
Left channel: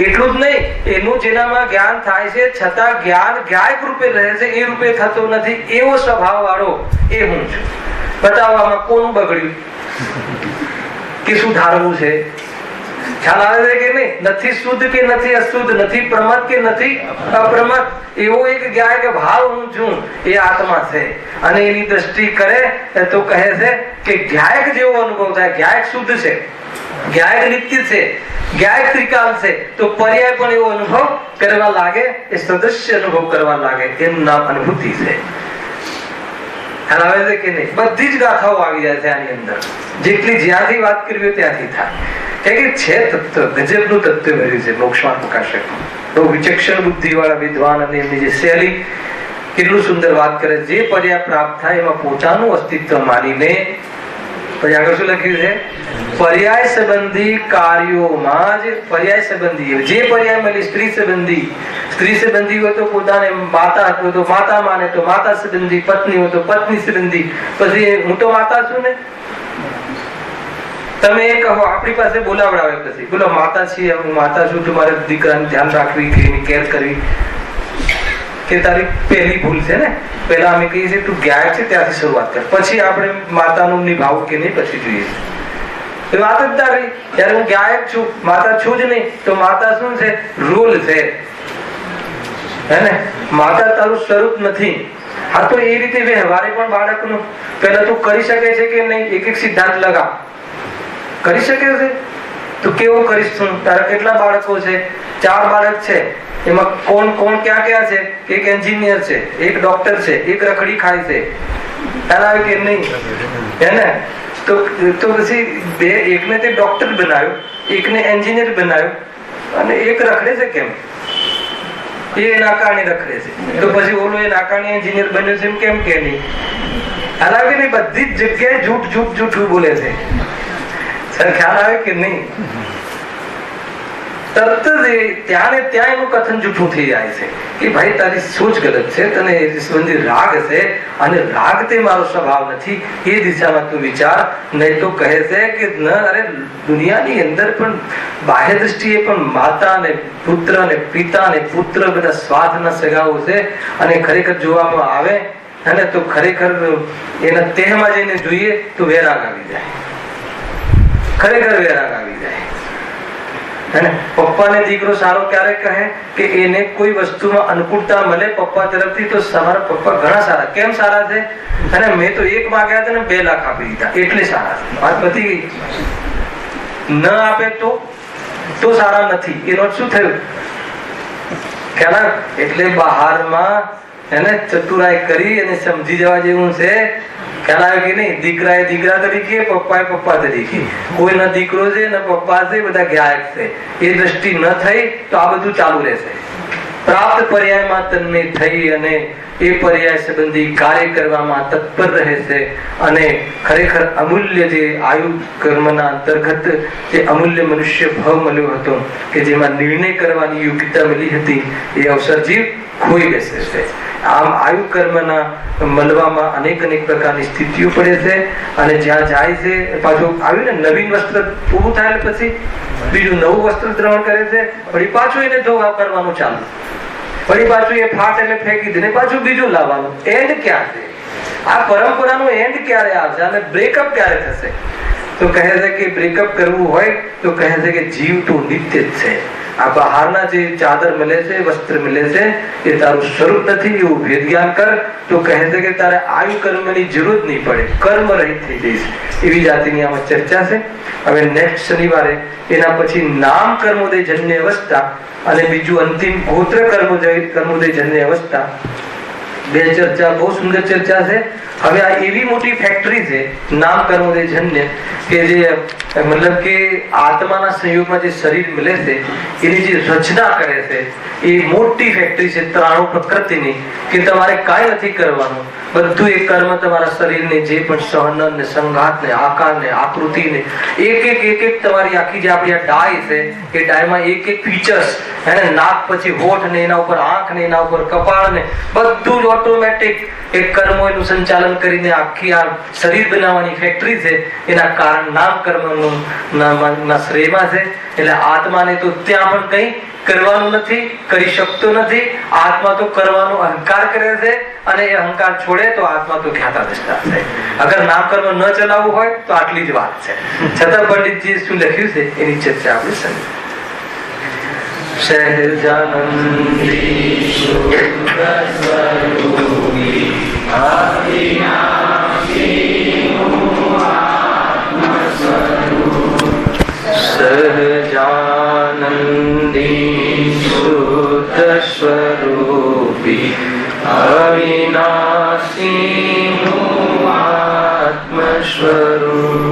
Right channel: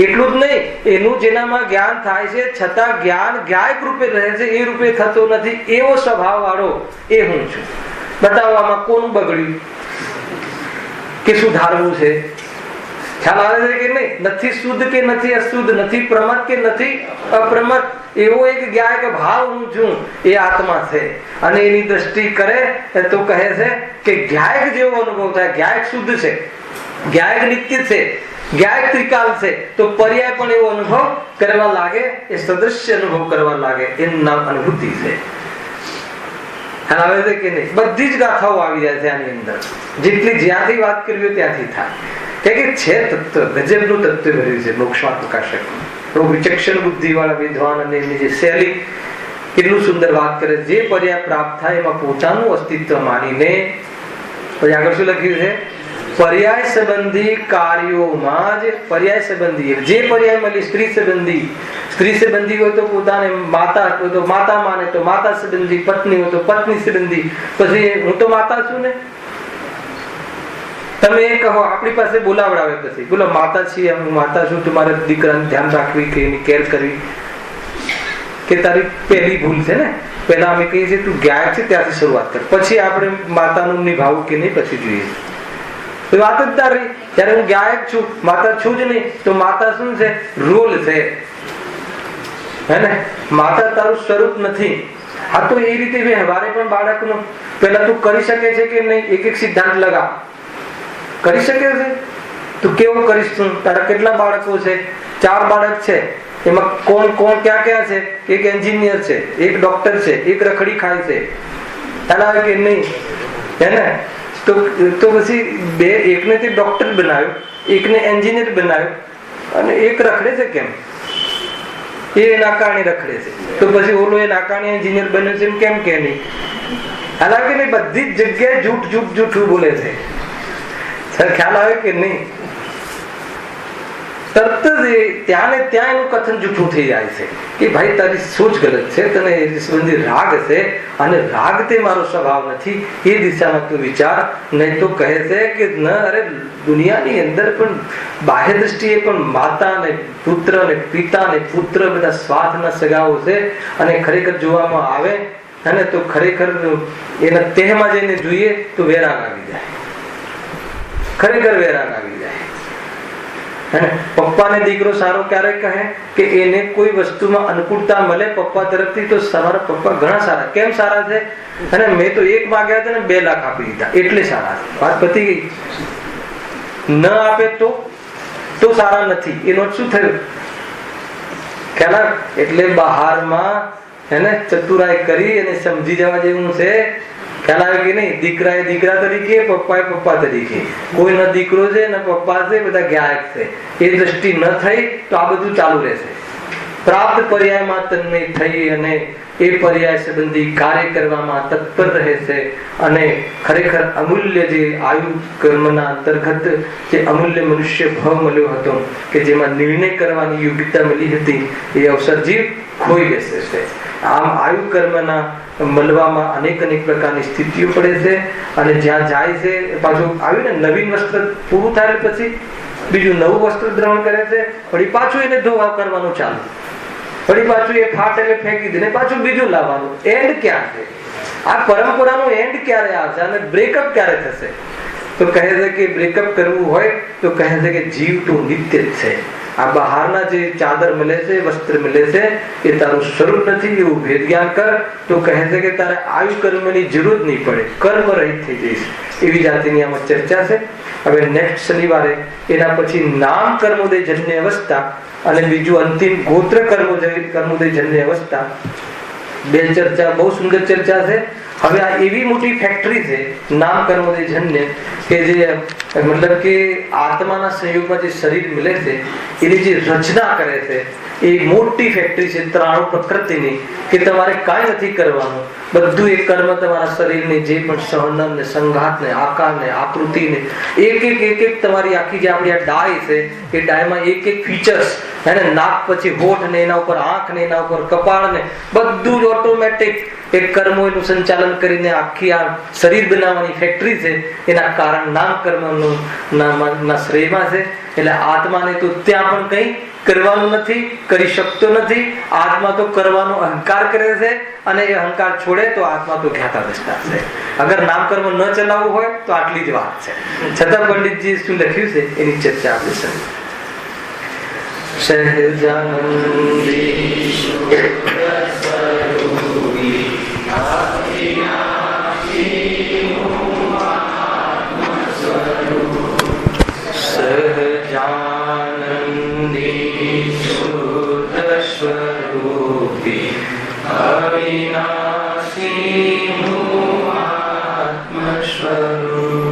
એટલું જ નહીં, એનું જેનામાં જ્ઞાન થાય છે છતાં જ્ઞાન ગાયક રૂપે રહે છે, એ રૂપે થતો નથી, એવો સ્વભાવ વાળો એ હું છું. બતાવવામાં કોનું બગડ્યું કે સુધારવું છે? ખ્યાલ આવે છે કે નહીં? નથી શુદ્ધ કે નથી અશુદ્ધ, નથી પ્રમત કે નથી અપ્રમત, એવો એક ગાયક ભાવ હું છું, એ આત્મા છે. અને એની દ્રષ્ટિ કરે તો કહે છે કે ગાયક જેવો અનુભવ થાય. ગાયક શુદ્ધ છે, ગાયક નિત્ય છે, ગાયક ત્રિકાલ છે, તો પર્યાય પણ એવો અનુભવ કરવા લાગે, એ સદસ્ય અનુભવ કરવા લાગે, એનું નામ અનુભૂતિ છે. આવે છે કે નહીં? બધી જ ગાથાઓ આવી જાય છે આની અંદર. જેટલી જ્યાંથી વાત કરવી ત્યાંથી થાય કે છે તત્વ, ગજબનું તત્વ ભર્યું છે મોક્ષમાં પ્રકાશક. બહુ વિચક્ષણ બુદ્ધિ વાળા વિદ્વાન અને એમની જે શૈલી કેટલું સુંદર વાત કરે. જે પર્યાય પ્રાપ્ત થાય એમાં પોતાનું અસ્તિત્વ માનીને પછી આગળ શું લખ્યું છે? પર્યાય સંબંધી કાર્યોમાં જ પર્યાય સંબંધી, જે પર્યાય મળી સ્ત્રી સંબંધી હોય તો પોતાને માતા હોય તો માતા માને તો માતા સંબંધી, પત્ની હોય તો પત્ની સંબંધી. પછી હું તો માતા છું ને, તમે એ કહો આપણી પાસે બોલાવડાવે, પછી બોલો માતા છીએ, હું માતા છું, તમારે દીકરાને ધ્યાન રાખવી કે એની કેર કરવી કે તારી પહેલી ભૂલ છે ને. પહેલા અમે કહીએ છીએ તું ગાયક છે ત્યાંથી શરૂઆત કર, પછી આપણે માતાનું નિભાવવું કે નહીં પછી જોઈએ. વાત જ તારી, જયારે હું ગાયક છું, માતા છું જ નહીં, તો માતા શું છે? રોલ છે, હે ને? માતા તારું સ્વરૂપ નથી. હા, તો એ રીતે વ્યવહારે પણ બાળકનું પહેલા તું કરી શકે છે કે નહીં? એક એક સિદ્ધાંત લગાવ. કરી શકે છે? તું કેવો કરીશ? તું તારા કેટલા બાળકો છે? 4 બાળક છે. એમાં કોણ ક્યાં છે? એક એન્જિનિયર છે, એક ડોક્ટર છે, એક રખડી ખાય છે. તારા કે નહીં? હે ને? તો પછી એકને તે ડોક્ટર બનાવ્યો, એકને એન્જિનિયર બનાવ્યો, અને એક રખડે છે. કેમ? એ નાકાણી રખડે છે, તો પછી ઓલો એ નાકાણી એન્જિનિયર બન્યો છે કેમ કે નહીં? હાલાકી નહીં, બધી જ જગ્યાએ જૂઠું બોલે છે. ખ્યાલ આવે કે નહીં? તરત જ ત્યાં ને ત્યાં એનું કથન જૂઠું થઈ જાય છે કે ભાઈ તારી સોચ ગલત છે, તને એ સંબંધી રાગ છે, અને રાગ તે મારો સ્વભાવ નથી, એ દિશામાં તું વિચાર. નહીં તો કહે છે કે ન, અરે દુનિયાની અંદર પણ બાહ્ય દ્રષ્ટિએ પણ માતા ને પુત્ર ને પિતા ને પુત્ર બધા સ્વાર્થના સગાઓ છે. અને ખરેખર જોવામાં આવે અને તો ખરેખર એના તેહમાં જઈને જોઈએ તો વેરાગ આવી જાય, ખરેખર વેરાગ આવી જાય. પપ્પાને દીકરો સારો ક્યારે કહે કે એને કોઈ વસ્તુમાં અનુકૂળતા મળે પપ્પા તરફથી તો તમારા પપ્પા ઘણા સારા. કેમ સારા છે? અને મેં તો 1 માંગ્યા હતા ને 2 લાખ આપી દીધા, એટલે સારા. વાત પતી ગઈ. ન આપે તો સારા નથી. એનો શું થયું? ખ્યાલ? એટલે બહારમાં એને ચતુરાઈ કરી અને સમજી જવા જેવું છે ખ્યાલ આવે કે નહીં? દીકરાએ દીકરા તરીકે, પપ્પાએ પપ્પા તરીકે. કોઈ ન દીકરો છે ન પપ્પા છે, બધા ગાયક છે. એ દ્રષ્ટિ ન થઈ તો આ બધું ચાલુ રહેશે. પ્રાપ્ત પર્યાયમાં તન્મે થઈ અને એ પર્યાય સંબંધી કાર્ય કરવામાં તત્પર રહે છે. અને ખરેખર અમૂલ્ય જે આયુ કર્મના અંતર્ગત જે અમૂલ્ય મનુષ્ય ભાવ મળ્યો હતો, કે જેમાં નિર્ણય કરવાની યોગ્યતા મળી હતી, એ અવસર જીવ ખોઈ બેસે છે. આમ આયુ કર્મના મળવામાં અનેક પ્રકારની સ્થિતિઓ પડે છે. અને જ્યાં જાય છે પાછું આવ્યું ને, નવીન વસ્ત્ર પૂરું થાય પછી બીજું નવું વસ્ત્ર ગ્રહણ કરે છે. વળી પાછું એને ધોવા કરવાનું ચાલુ, વળી પાછું એ ફાટ એટલે ફેંકી દે, પાછું બીજું લાવવાનું. એન્ડ ક્યાં છે? આ પરંપરાનો એન્ડ ક્યારે આવશે અને બ્રેકઅપ ક્યારે થશે? તો કહે છે કે બ્રેકઅપ કરવું હોય તો કહે છે કે જીવ તો નિત્ય જ છે. આ બહારના જે ચાદર મળે છે, વસ્ત્ર મળે છે, એ તારું સ્વરૂપ નથી. એવું ભેદ જ્ઞાન કર તો કહે છે કે તારે આયુ કર્મની જરૂર નહીં પડે, કર્મ રહિત થઈ જઈશ. એવી જાતિની આમાં ચર્ચા છે. હવે નેક્સ્ટ શનિવારે એના પછી નામ કર્મોદય જન્ય અવસ્થા અને બીજું અંતિમ ગોત્ર કર્મોદય જન્ય અવસ્થા, બે ચર્ચા, બહુ સુંદર ચર્ચા છે. હવે આ એવી મોટી ફેક્ટરી છે નામ કર્મોદય જન્ય, કે જે મતલબ કે આત્માના સંયોગમાં જે શરીર મળે છે એની જે રચના કરે છે, એ મોટી ફેક્ટરી છે 93 પ્રકૃતિની, કે તમારે કાંઈ નથી કરવાનું. બધું એ કર્મ તમારા શરીરને જે પણ સહનન ને સંઘાત ને આકાર ને આકૃતિ ને એક તમારી આખી જે આપણી ડાય છે, એ ડાયમાં એક ફીચર્સ, એને નાક પછી હોઠ ને એના ઉપર આંખ ને એના ઉપર કપાળ ને બધું જ ઓટોમેટિક એ કર્મો એનું સંચાલન કરીને આખી આ શરીર બનાવવાની ફેક્ટરી છે. એના કારણ નામ કર્મનું ના શ્રેયમાં છે. એટલે આત્માને તો ત્યાં પણ કંઈ કરવાનું નથી, કરી શકતો નથી. આત્મા તો કરવાનો અહંકાર કરે છે, અને એ અહંકાર છોડે તો આત્મા તો જ્ઞાતા દૃષ્ટા છે. અગર નામ કર્મ ન ચલાવવું હોય તો આટલી જ વાત છે. છતાં પંડિતજી શું લખ્યું છે એની ચર્ચા આપણે સમજીએ. સહજાનંદી શુદ્ધ સ્વરૂપી અવિનાશી આત્મ સ્વરૂપ. સહજાનંદી શુદ્ધ સ્વરૂપી અવિનાશી આત્મ સ્વરૂપ.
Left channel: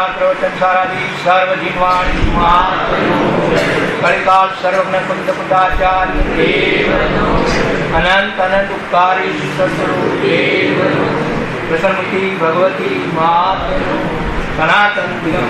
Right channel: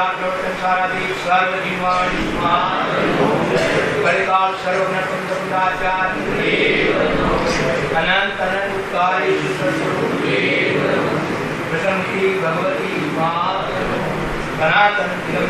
पुराण प्रवचन सारादि सर्वजीवाणि कलिकाल सर्वज्ञ कुंद कुंदाचार्य अनंत अनंत उपकारी प्रसन्नति भगवती मात सनातन पूरा